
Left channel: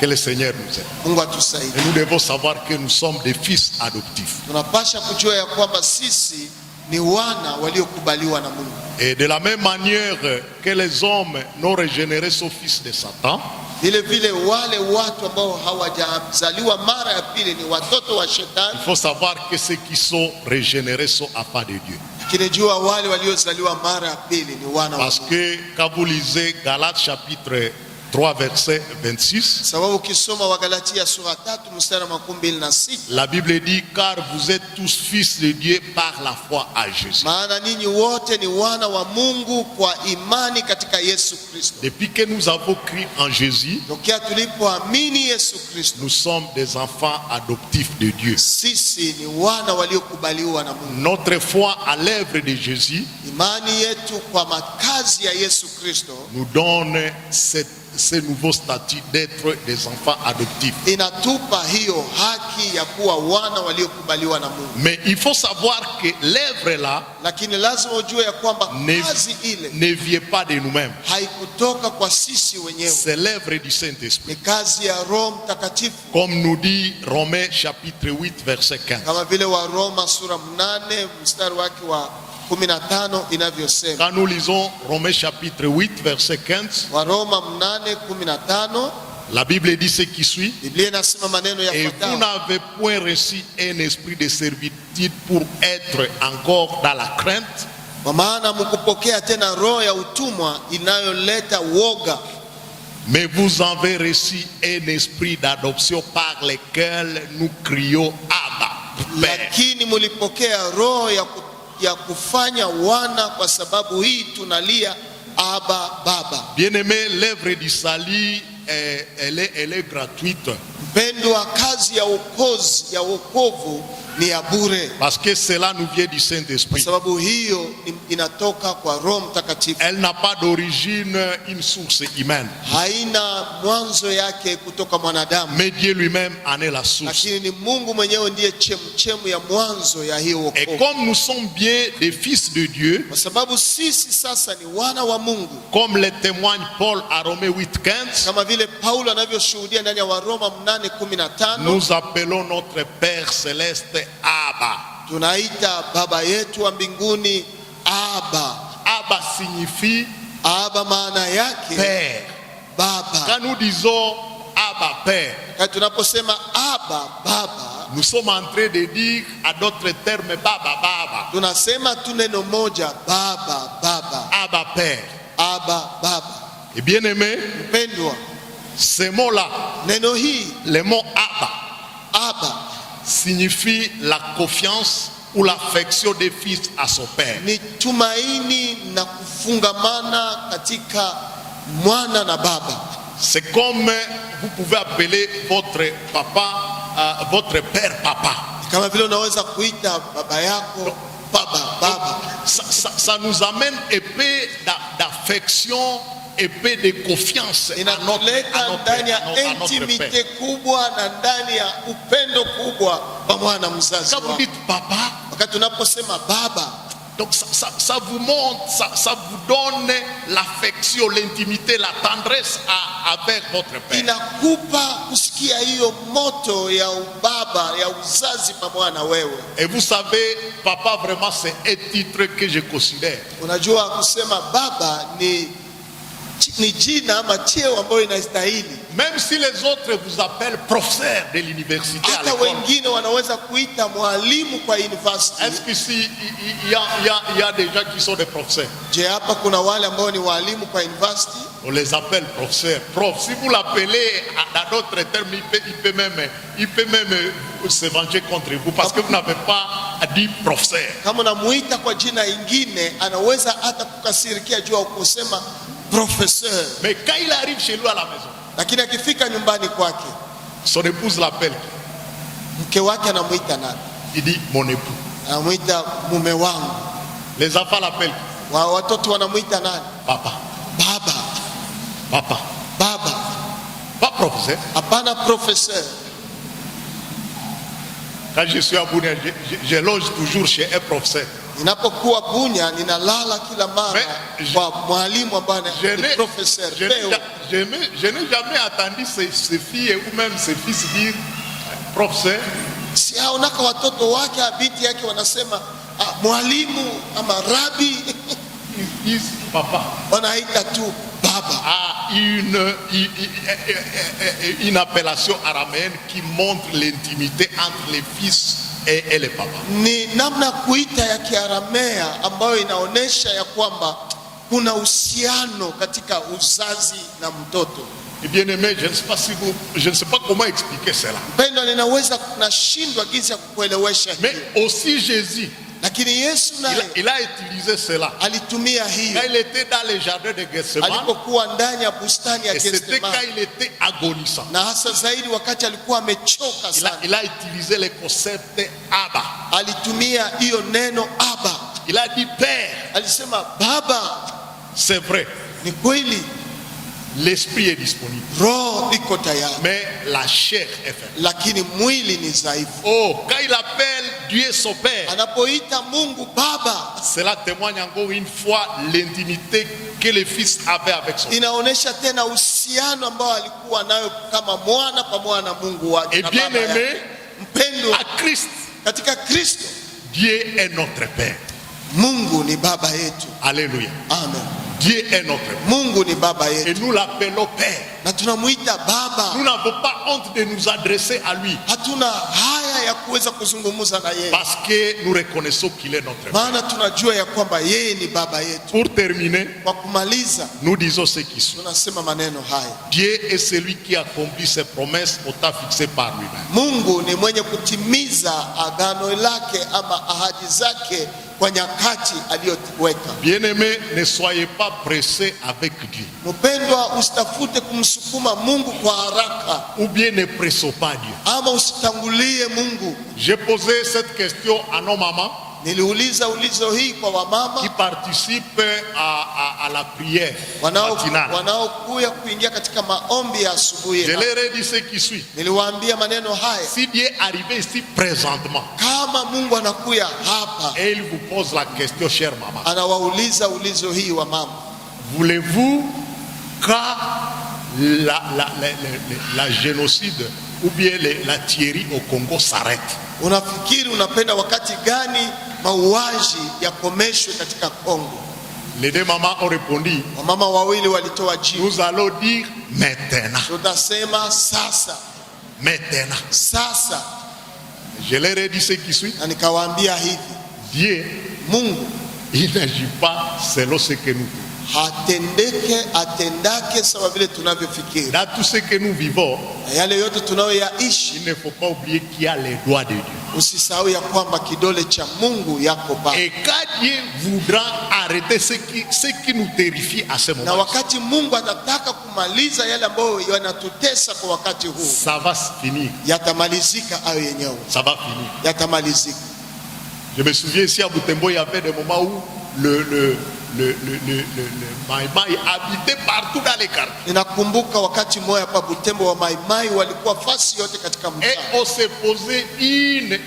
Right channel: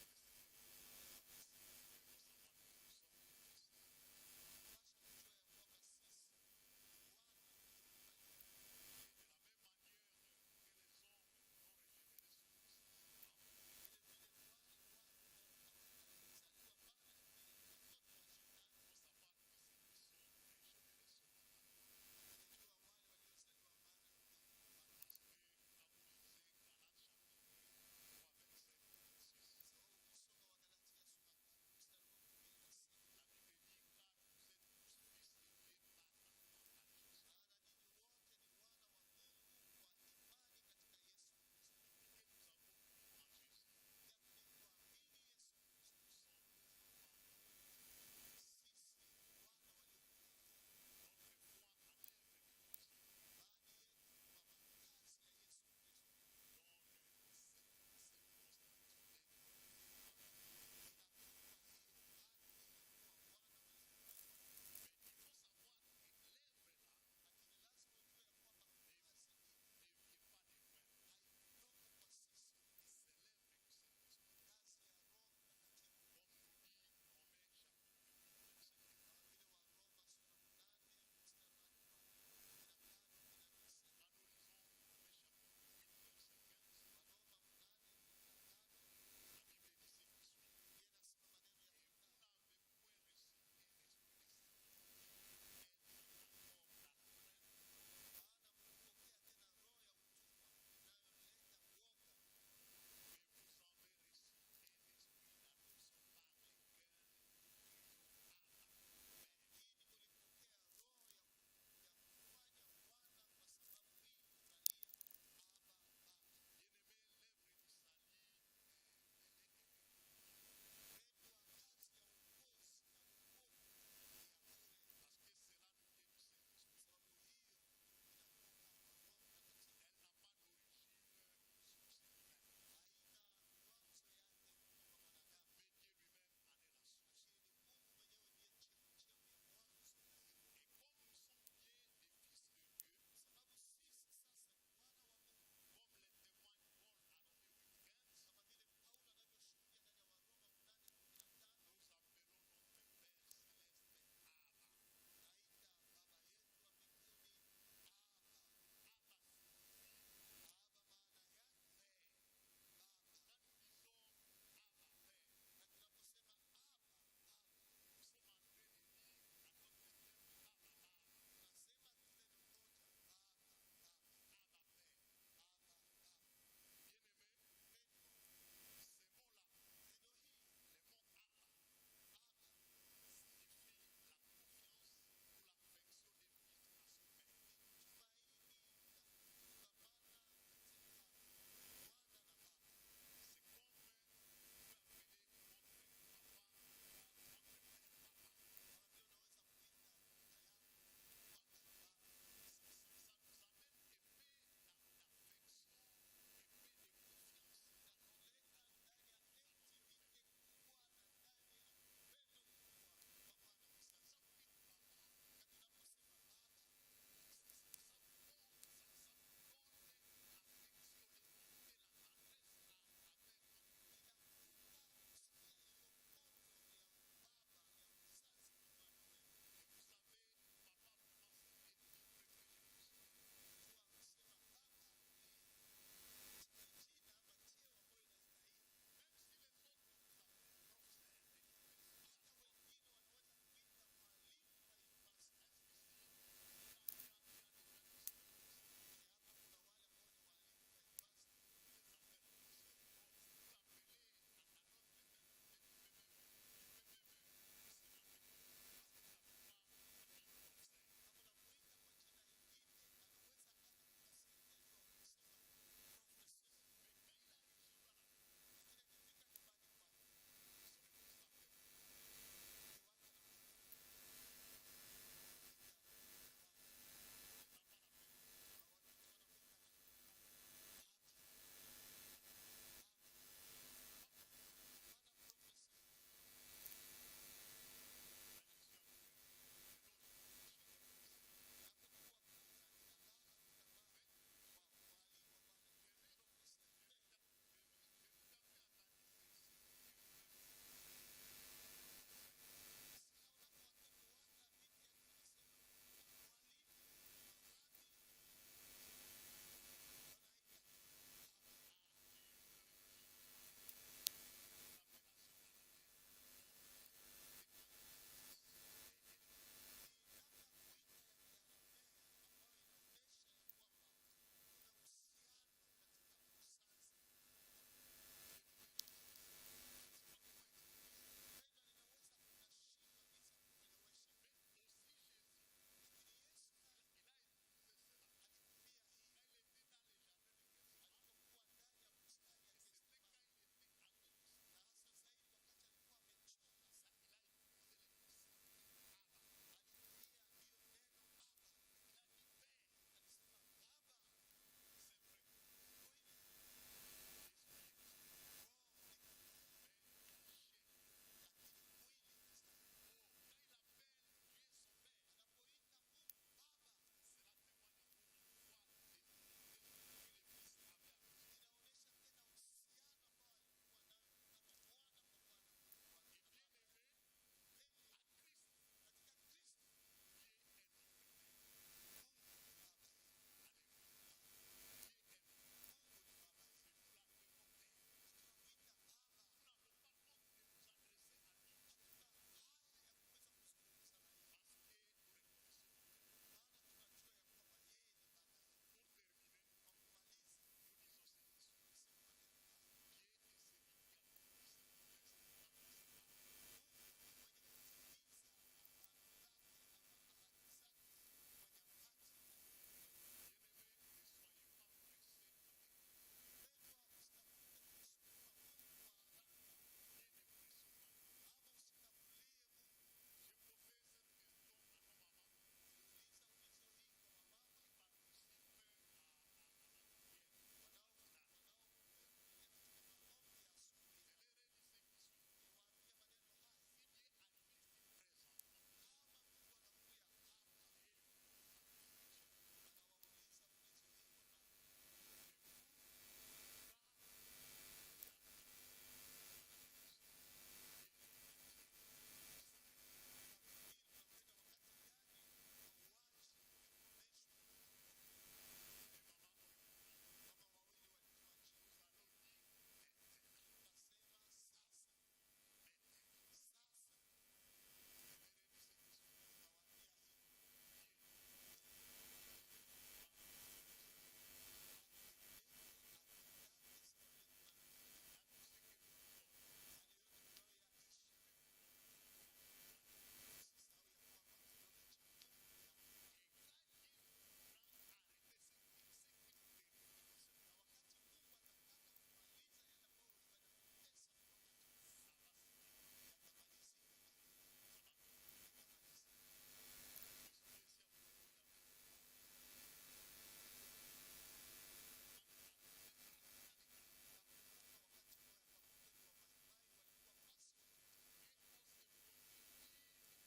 Que le Seigneur nous aide. Mungu Et atusaidie. nous devons savoir que nous sommes des fils adoptifs. Tunapasha kujua ya kwamba sisi ni wana waliokubaliwa na Mungu. Et de la même manière que les hommes n'ont régénéré son fils de Satan, Vile vile wale watu ambao hawajazaliwa mara ya pili ni watoto wa il shetani. faut savoir que ceux qui sont régénérés sont enfants de Dieu. Kinajua wale waliozaliwa mara ya pili ni wana wa Parce Mungu. que quand vous lisez Galates chapitre 3 verset 26, Sababu ukisoma Wagalatia sura 3 mstari wa 26, la Bible dit car vous êtes tous fils de Dieu par la foi à Jésus. maana ninyi wote ni wana wa Mungu kwa imani katika Yesu Kristo. Depuis que nous avons cru en Jésus, Tokea tulipoamini Yesu Kristo, nous sommes des enfants adoptifs de Dieu. sisi ni wana waliokubaliwa na Mungu. Notre foi à l'œuvre de Jésus Imani yetu kwa makazi ya Yesu Kristo nous donne ce nouveau statut d'être des enfants adoptifs. inatupa hiyo haki ya kuwa wana waliokubaliwa na Mungu. Mais il faut savoir que l'œuvre là Lakini lazima ujue ya kwamba kazi ile ne vient pas de nous-mêmes. haikutoka kwa sisi wenyewe, C'est l'œuvre du Saint-Esprit. ni kazi ya Roho Mtakatifu, Comme nous dit Romains chapitre 8 verset 15. kama vile wa Roma sura 8 mstari wake wa 15 inavyosema. Quand nous lisons Romains chapitre 8 verset 15, Wa Roma 8:15, la Bible dit ce qui suit. Biblia inasema maneno Et vous yafuatayo: n'avez point reçu un esprit de servitude pour être encore dans la crainte, kwa maana mkupokea tena roho ya utumwa inayoleta woga, mais vous avez reçu un esprit d'adoption par lequel nous crions Abba, Père. lakini mulipokea roho ya kufanya wana, kwa sababu hii tunalia Aba, Baba. Bien-aimé, l'œuvre du salut, elle est gratuite. Mpendwa, kazi ya uokozi ya wokovu ni ya bure, Parce que cela nous vient du kwa Saint-Esprit. sababu hiyo inatoka kwa Roho Mtakatifu. Elle n'a pas d'origine, une source humaine. Haina mwanzo yake kutoka mwanadamu, Mais Dieu lui-même en est la source. lakini ni Mungu mwenyewe ndiye chemchemu ya mwanzo ya hiyo Et wokovu. comme nous sommes bien des fils de Dieu, Kwa sababu sisi sasa ni wana wa Mungu, comme le témoigne Paul à Romains 8:15, kama vile Paulo anavyoshuhudia ndani ya Waroma 8:15, nous appelons notre Père céleste Abba. tunaita baba yetu wa mbinguni Aba. Abba signifie Aba maana yake Père. baba. Quand nous disons Abba Père, Kati tunaposema Aba, baba, nous sommes en train de dire à d'autres termes Baba Baba. tunasema tu neno moja, baba, baba, Abba Père. Aba, baba. Et bien aimé, Mpendwa, ce mot-là, neno hii le mot Abba, Aba signifie la confiance ou l'affection des fils à son père. ni tumaini na kufungamana katika mwana na baba. C'est comme vous pouvez appeler votre papa, votre père papa. Kama vile unaweza kuita baba yako baba, baba. Ça nous amène un peu d'affection, un peu de confiance à Inatuleta ndani ya notre intimite père. kubwa na ndani ya upendo kubwa kwa mwana mzazi Quand vous wako. dites papa, Wakati tunaposema baba, donc ça vous montre, ça vous donne l'affection, l'intimité, la tendresse avec votre père. inakupa kusikia hiyo moto ya ubaba ya uzazi pamoja na wewe. Et vous savez, papa, vraiment, c'est un titre que je considère. Unajua kusema baba ni jina ama cheo ambayo inastahili. Même si les autres vous appellent professeur de l'université à Hata l'école. wengine wanaweza kuita mwalimu kwa university. Est-ce qu'ici, il y a des gens qui sont des professeurs? Je, hapa kuna wale ambao ni walimu kwa university? On les appelle professeurs. Prof, si vous l'appelez dans d'autres termes, il peut même se venger contre vous parce que vous n'avez pas dit professeur. Kama unamuita kwa jina ingine, anaweza hata kukasirikia juu ya kusema professeur. Mais quand il arrive chez lui à la maison, Lakini akifika nyumbani kwake, son épouse l'appelle. mke wake anamuita nani? Il dit mon époux. Anamuita mume wangu. Les enfants l'appellent Watoto wanamuita nani? papa. Baba, Papa. baba. professeur. hapana professeur. Quand je suis à Bunia, je loge toujours chez un professeur. Ninapokuwa Bunya ninalala kila mara kwa mwalimu ambaye ni professeur. Je n'ai jamais entendu ces filles ou même ces fils dire professeur. Si haonaka watoto wake binti yake wanasema mwalimu ama rabi. Ils papa. Wanaita tu baba. Une appellation araméenne qui montre l'intimité entre les fils et les papas. Ni namna kuita ya Kiaramea ambayo inaonesha ya kwamba kuna uhusiano katika uzazi na mtoto. Et bien aimé, je ne sais pas comment expliquer cela. Mpendwa, ninaweza kunashindwa jinsi ya kukuelewesha. Mais aussi Jésus, lakini Yesu naye il a utilisé cela. alitumia hiyo. Quand il était dans le jardin de Gethsemane, alipokuwa ndani ya bustani ya c'était quand Gethsemane, il était agonisant. na hasa zaidi wakati alikuwa amechoka sana. Il a utilisé le concept Abba. Alitumia hiyo neno Abba. Il a dit Père. Alisema Baba. C'est vrai. Ni kweli. L'esprit est disponible. Roho iko tayari. Mais la chair est faible. Lakini mwili ni dhaifu. Oh, quand il appelle Dieu son Père, anapoita Mungu Baba, cela témoigne encore une fois l'intimité que le Fils avait avec son Père. Inaonesha tena uhusiano ambao alikuwa nayo kama mwana pamoja na Mungu wake. Et bien aimé, mpendo à Christ, katika Kristo, Dieu est notre Père. Mungu ni baba yetu. Alléluia. Amen. Dieu est notre Père. Mungu ni baba yetu. Et nous l'appelons Père. Na tunamuita Baba. Nous n'avons pas honte de nous adresser à lui. Hatuna haya ya kuweza kuzungumza na yeye. Parce que nous reconnaissons qu'il est notre Père. Maana tunajua ya kwamba yeye ni baba yetu. Pour terminer, kwa kumaliza, nous disons ce qui suit. Tunasema maneno haya. Dieu est celui qui accomplit ses promesses au temps fixé par lui-même. Mungu ni mwenye kutimiza agano lake ama ahadi zake kwa nyakati aliyoweka. Bien-aimés, ne soyez pas pressés avec Dieu. Mpendwa, usitafute kumsukuma Mungu kwa haraka. Ou bien ne pressons pas Dieu. Ama usitangulie Mungu. J'ai posé cette question à nos mamans. Niliuliza ulizo hii kwa wamama qui participent à la prière matinale. Wanaokuja kuingia katika maombi ya asubuhi. Je leur ai dit ce qui suit. Niliwaambia maneno haya. Si Dieu arrivait ici présentement, kama Mungu anakuja hapa, et il vous pose la question, chère maman, anawauliza ulizo hii wa mama, voulez-vous quand la génocide ou bien la tuerie au Congo s'arrête? Unafikiri unapenda wakati gani mauaji yakomeshwe katika Kongo? Les deux mamans ont répondu. Wamama wawili walitoa jibu. Nous allons dire maintenant. Tutasema sasa. Maintenant. Sasa. Je leur ai dit ce qui suit. Na nikawaambia hivi. Dieu, Mungu, il n'agit pas selon ce que nous atendake sawa vile tunavyofikiri. Dans tout ce que nous vivons, yale yote tunayoyaishi, il ne faut pas oublier qu'il y a les doigts de Dieu. Usisahau ya kwamba kidole cha Mungu yako pale. Et quand Dieu voudra arrêter ce qui nous terrifie à ce moment, na wakati Mungu atataka kumaliza yale ambayo yanatutesa kwa wakati huu, ça va finir. Yatamalizika hayo yenyewe. Ça va finir. Yatamalizika. Je me souviens ici à Butembo, il y avait des moments où le Maïmaï habitait partout dans les quartiers. Ninakumbuka wakati mmoja hapa Butembo wa Maïmaï walikuwa fasi yote katika mtaa. Et on se posait 1000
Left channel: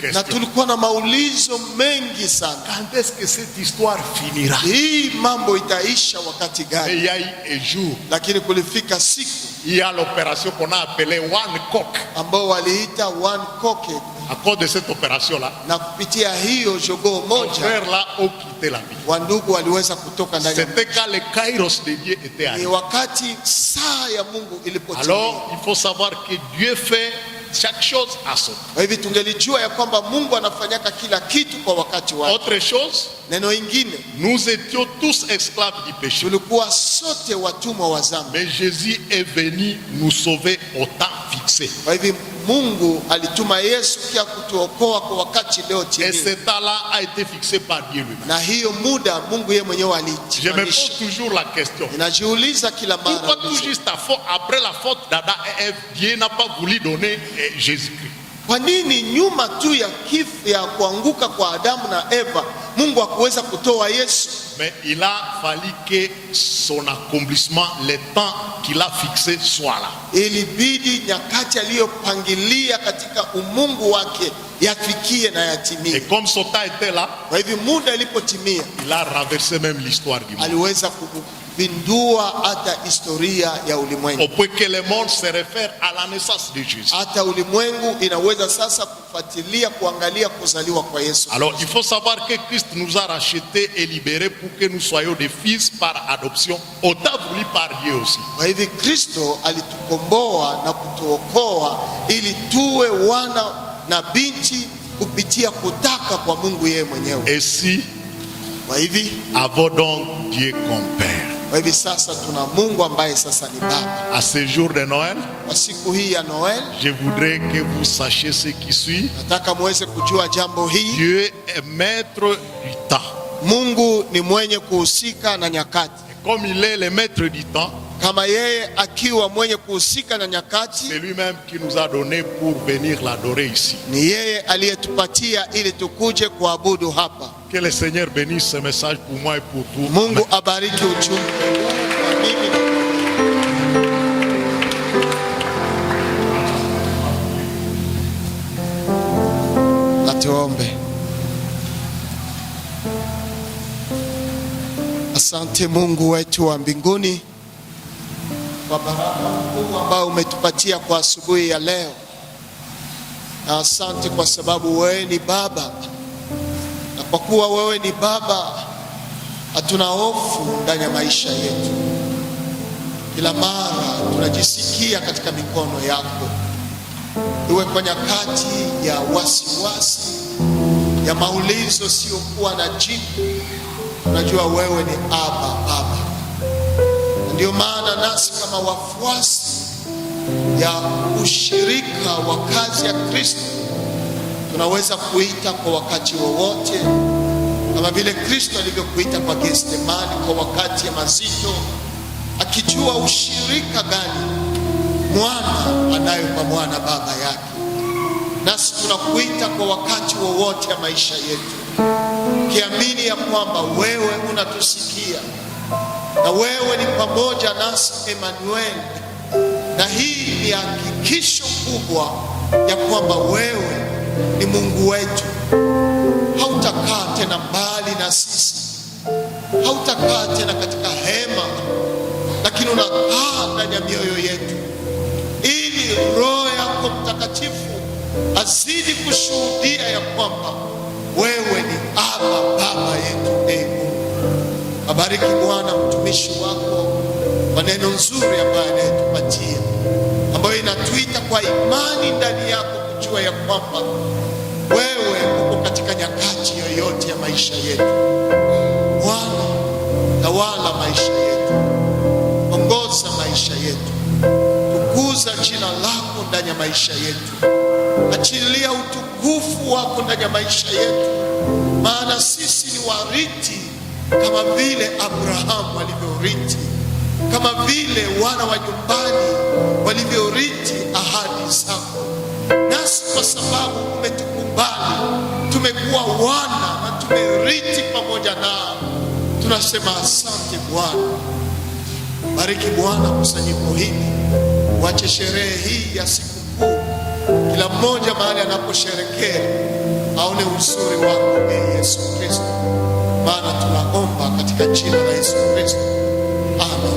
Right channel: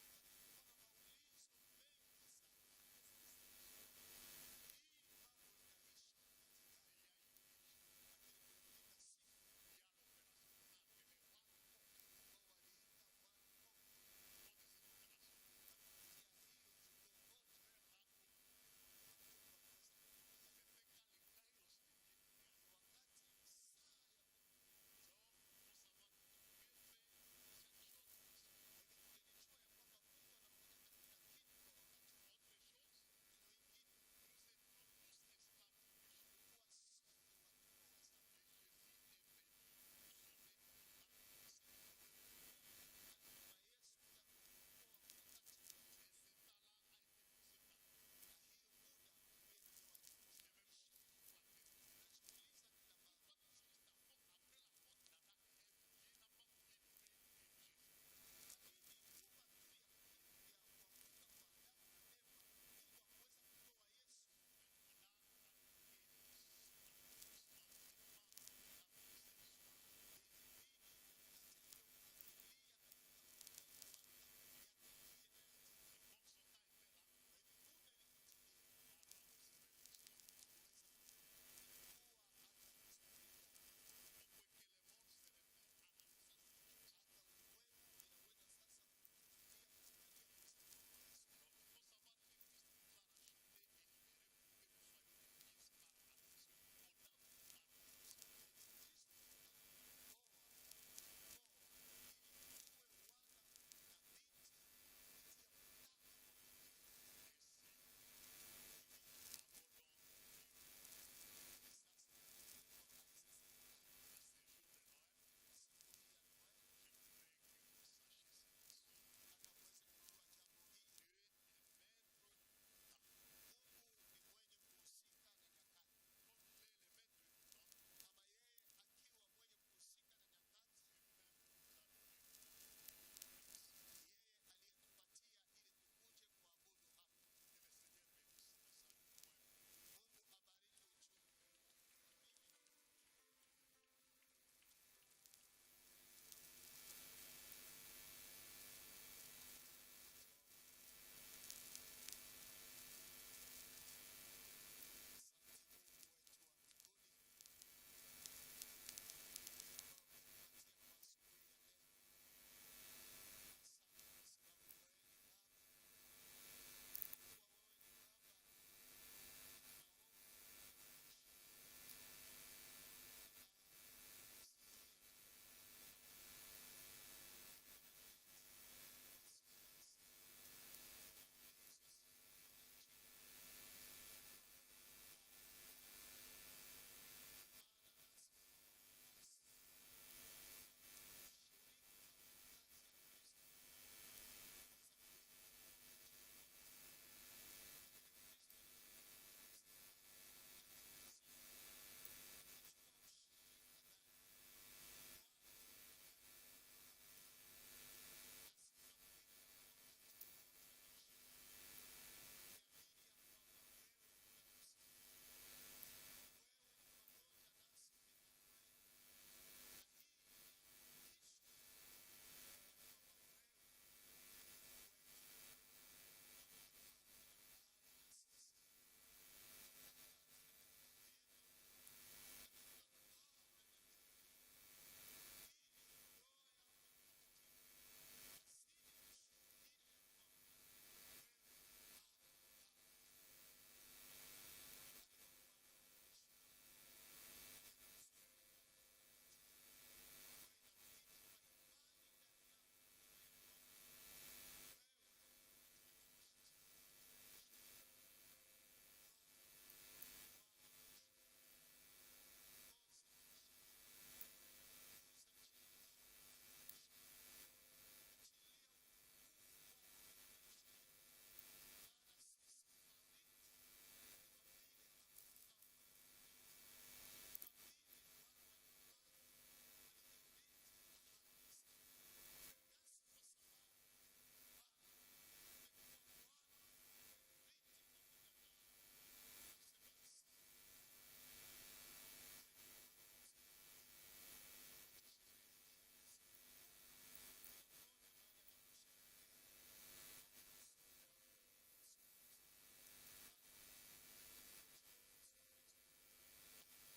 questions. Na tulikuwa na maulizo mengi sana. Quand est-ce que cette histoire finira? Hii mambo itaisha wakati gani? Et il y a eu un jour. Lakini kulifika siku. Il y a l'opération qu'on a appelée One Cock. Ambao waliita One Cock. À cause de cette opération-là, na kupitia hiyo jogoo moja, frères-là ont quitté la vie. Wandugu waliweza kutoka ndani. C'était quand le kairos de Dieu était arrivé. Ni wakati saa ya Mungu ilipotimia. Alors, il faut savoir que Dieu fait chaque chose à son temps. Kwa hivyo tungelijua ya kwamba Mungu anafanyaka kila kitu kwa wakati wake. Autre chose, neno ingine, nous étions tous esclaves du péché. Tulikuwa sote watumwa wa dhambi. Mais Jésus est venu nous sauver au temps fixé. Kwa hivyo Mungu alituma Yesu kia kutuokoa kwa wakati leo timia. Et ce temps-là a été fixé par Dieu lui-même. Na hiyo muda Mungu yeye mwenyewe alitia. Je me pose toujours la question. Ninajiuliza kila mara. Pourquoi tout juste après la faute d'Adam et Ève, Dieu n'a pas voulu donner Jésus-Christ? Kwa nini nyuma tu ya kifo ya kuanguka kwa Adamu na Eva Mungu hakuweza kutoa Yesu, mais il a fallu que son accomplissement, le temps qu'il a fixé, soit là. ilibidi nyakati aliyopangilia katika umungu wake yafikie na yatimie. Et comme son temps était là, Kwa hivyo muda ilipotimia, il a renversé même l'histoire du monde. aliweza kupindua hata historia ya ulimwengu. Au point que le monde se réfère à la naissance de Jésus. Hata ulimwengu inaweza sasa kufuatilia kuangalia kuzaliwa kwa Yesu. Alors il faut savoir que Christ nous a rachetés et libérés pour que nous soyons des fils par adoption, autant voulu par Dieu aussi. Kwa hivyo Kristo alitukomboa na kutuokoa ili tuwe wana na binti kupitia kutaka kwa Mungu yeye mwenyewe. Et si Kwa hivi avons donc Dieu comme Père. Kwa hivi sasa tuna Mungu ambaye sasa ni Baba. À ce jour de Noël, Kwa siku hii ya Noel, je voudrais que vous sachiez ce qui suit. nataka muweze kujua jambo hii. Dieu est maître du temps. Mungu ni mwenye kuhusika na nyakati. Comme il est le maître du temps, Kama yeye akiwa mwenye kuhusika na nyakati, c'est lui-même qui nous a donné pour venir l'adorer ici. ni yeye aliyetupatia ili tukuje kuabudu hapa. Que le Seigneur bénisse ce message pour moi et pour vous. Mungu abariki ujumbe huu kwa mimi na tuombe. Asante Mungu wetu wa mbinguni kwa baraka kubwa ambayo umetupatia kwa asubuhi ya leo, na asante kwa sababu wewe ni Baba, na kwa kuwa wewe ni Baba hatuna hofu ndani ya maisha yetu. Kila mara tunajisikia katika mikono yako, iwe kwa nyakati ya wasiwasi, ya maulizo siokuwa na jibu. Unajua wewe ni Baba. Ndio maana nasi kama wafuasi ya ushirika wa kazi ya Kristo tunaweza kuita kwa wakati wowote, kama vile Kristo alivyokuita kwa Getsemani kwa wakati ya mazito, akijua ushirika gani mwana anayo kwa mwana baba yake. Nasi tunakuita kwa wakati wowote ya maisha yetu, kiamini ya kwamba wewe unatusikia na wewe ni pamoja nasi, Emmanuel. Na hii ni hakikisho kubwa ya kwamba wewe ni Mungu wetu. Hautakaa tena mbali na sisi, hautakaa tena katika hema, lakini unakaa ndani ya mioyo yetu, ili Roho yako Mtakatifu azidi kushuhudia ya kwamba wewe ni Baba yetu. Abariki Bwana mtumishi wako kwa neno nzuri ambayo anayetupatia, ambayo inatuita kwa imani ndani yako kujua ya kwamba wewe uko katika nyakati yoyote ya maisha yetu. Bwana, tawala maisha yetu, ongoza maisha yetu, tukuza jina lako ndani ya maisha yetu, achilia utukufu wako ndani ya maisha yetu, maana sisi ni warithi kama vile Abrahamu alivyorithi, kama vile wana wa nyumbani walivyorithi ahadi zako. Nasi kwa sababu umetukubali, tumekuwa wana na tumerithi pamoja nao, tunasema asante Bwana. Bariki Bwana kusanyiko hili, wache sherehe hii ya sikukuu, kila mmoja mahali anaposherekea aone uzuri wako Yesu Kristo, maana tunaomba katika jina la Yesu Kristo, amen.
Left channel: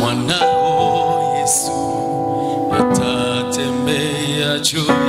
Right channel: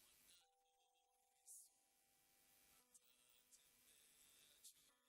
Mwanao Yesu atatembea juu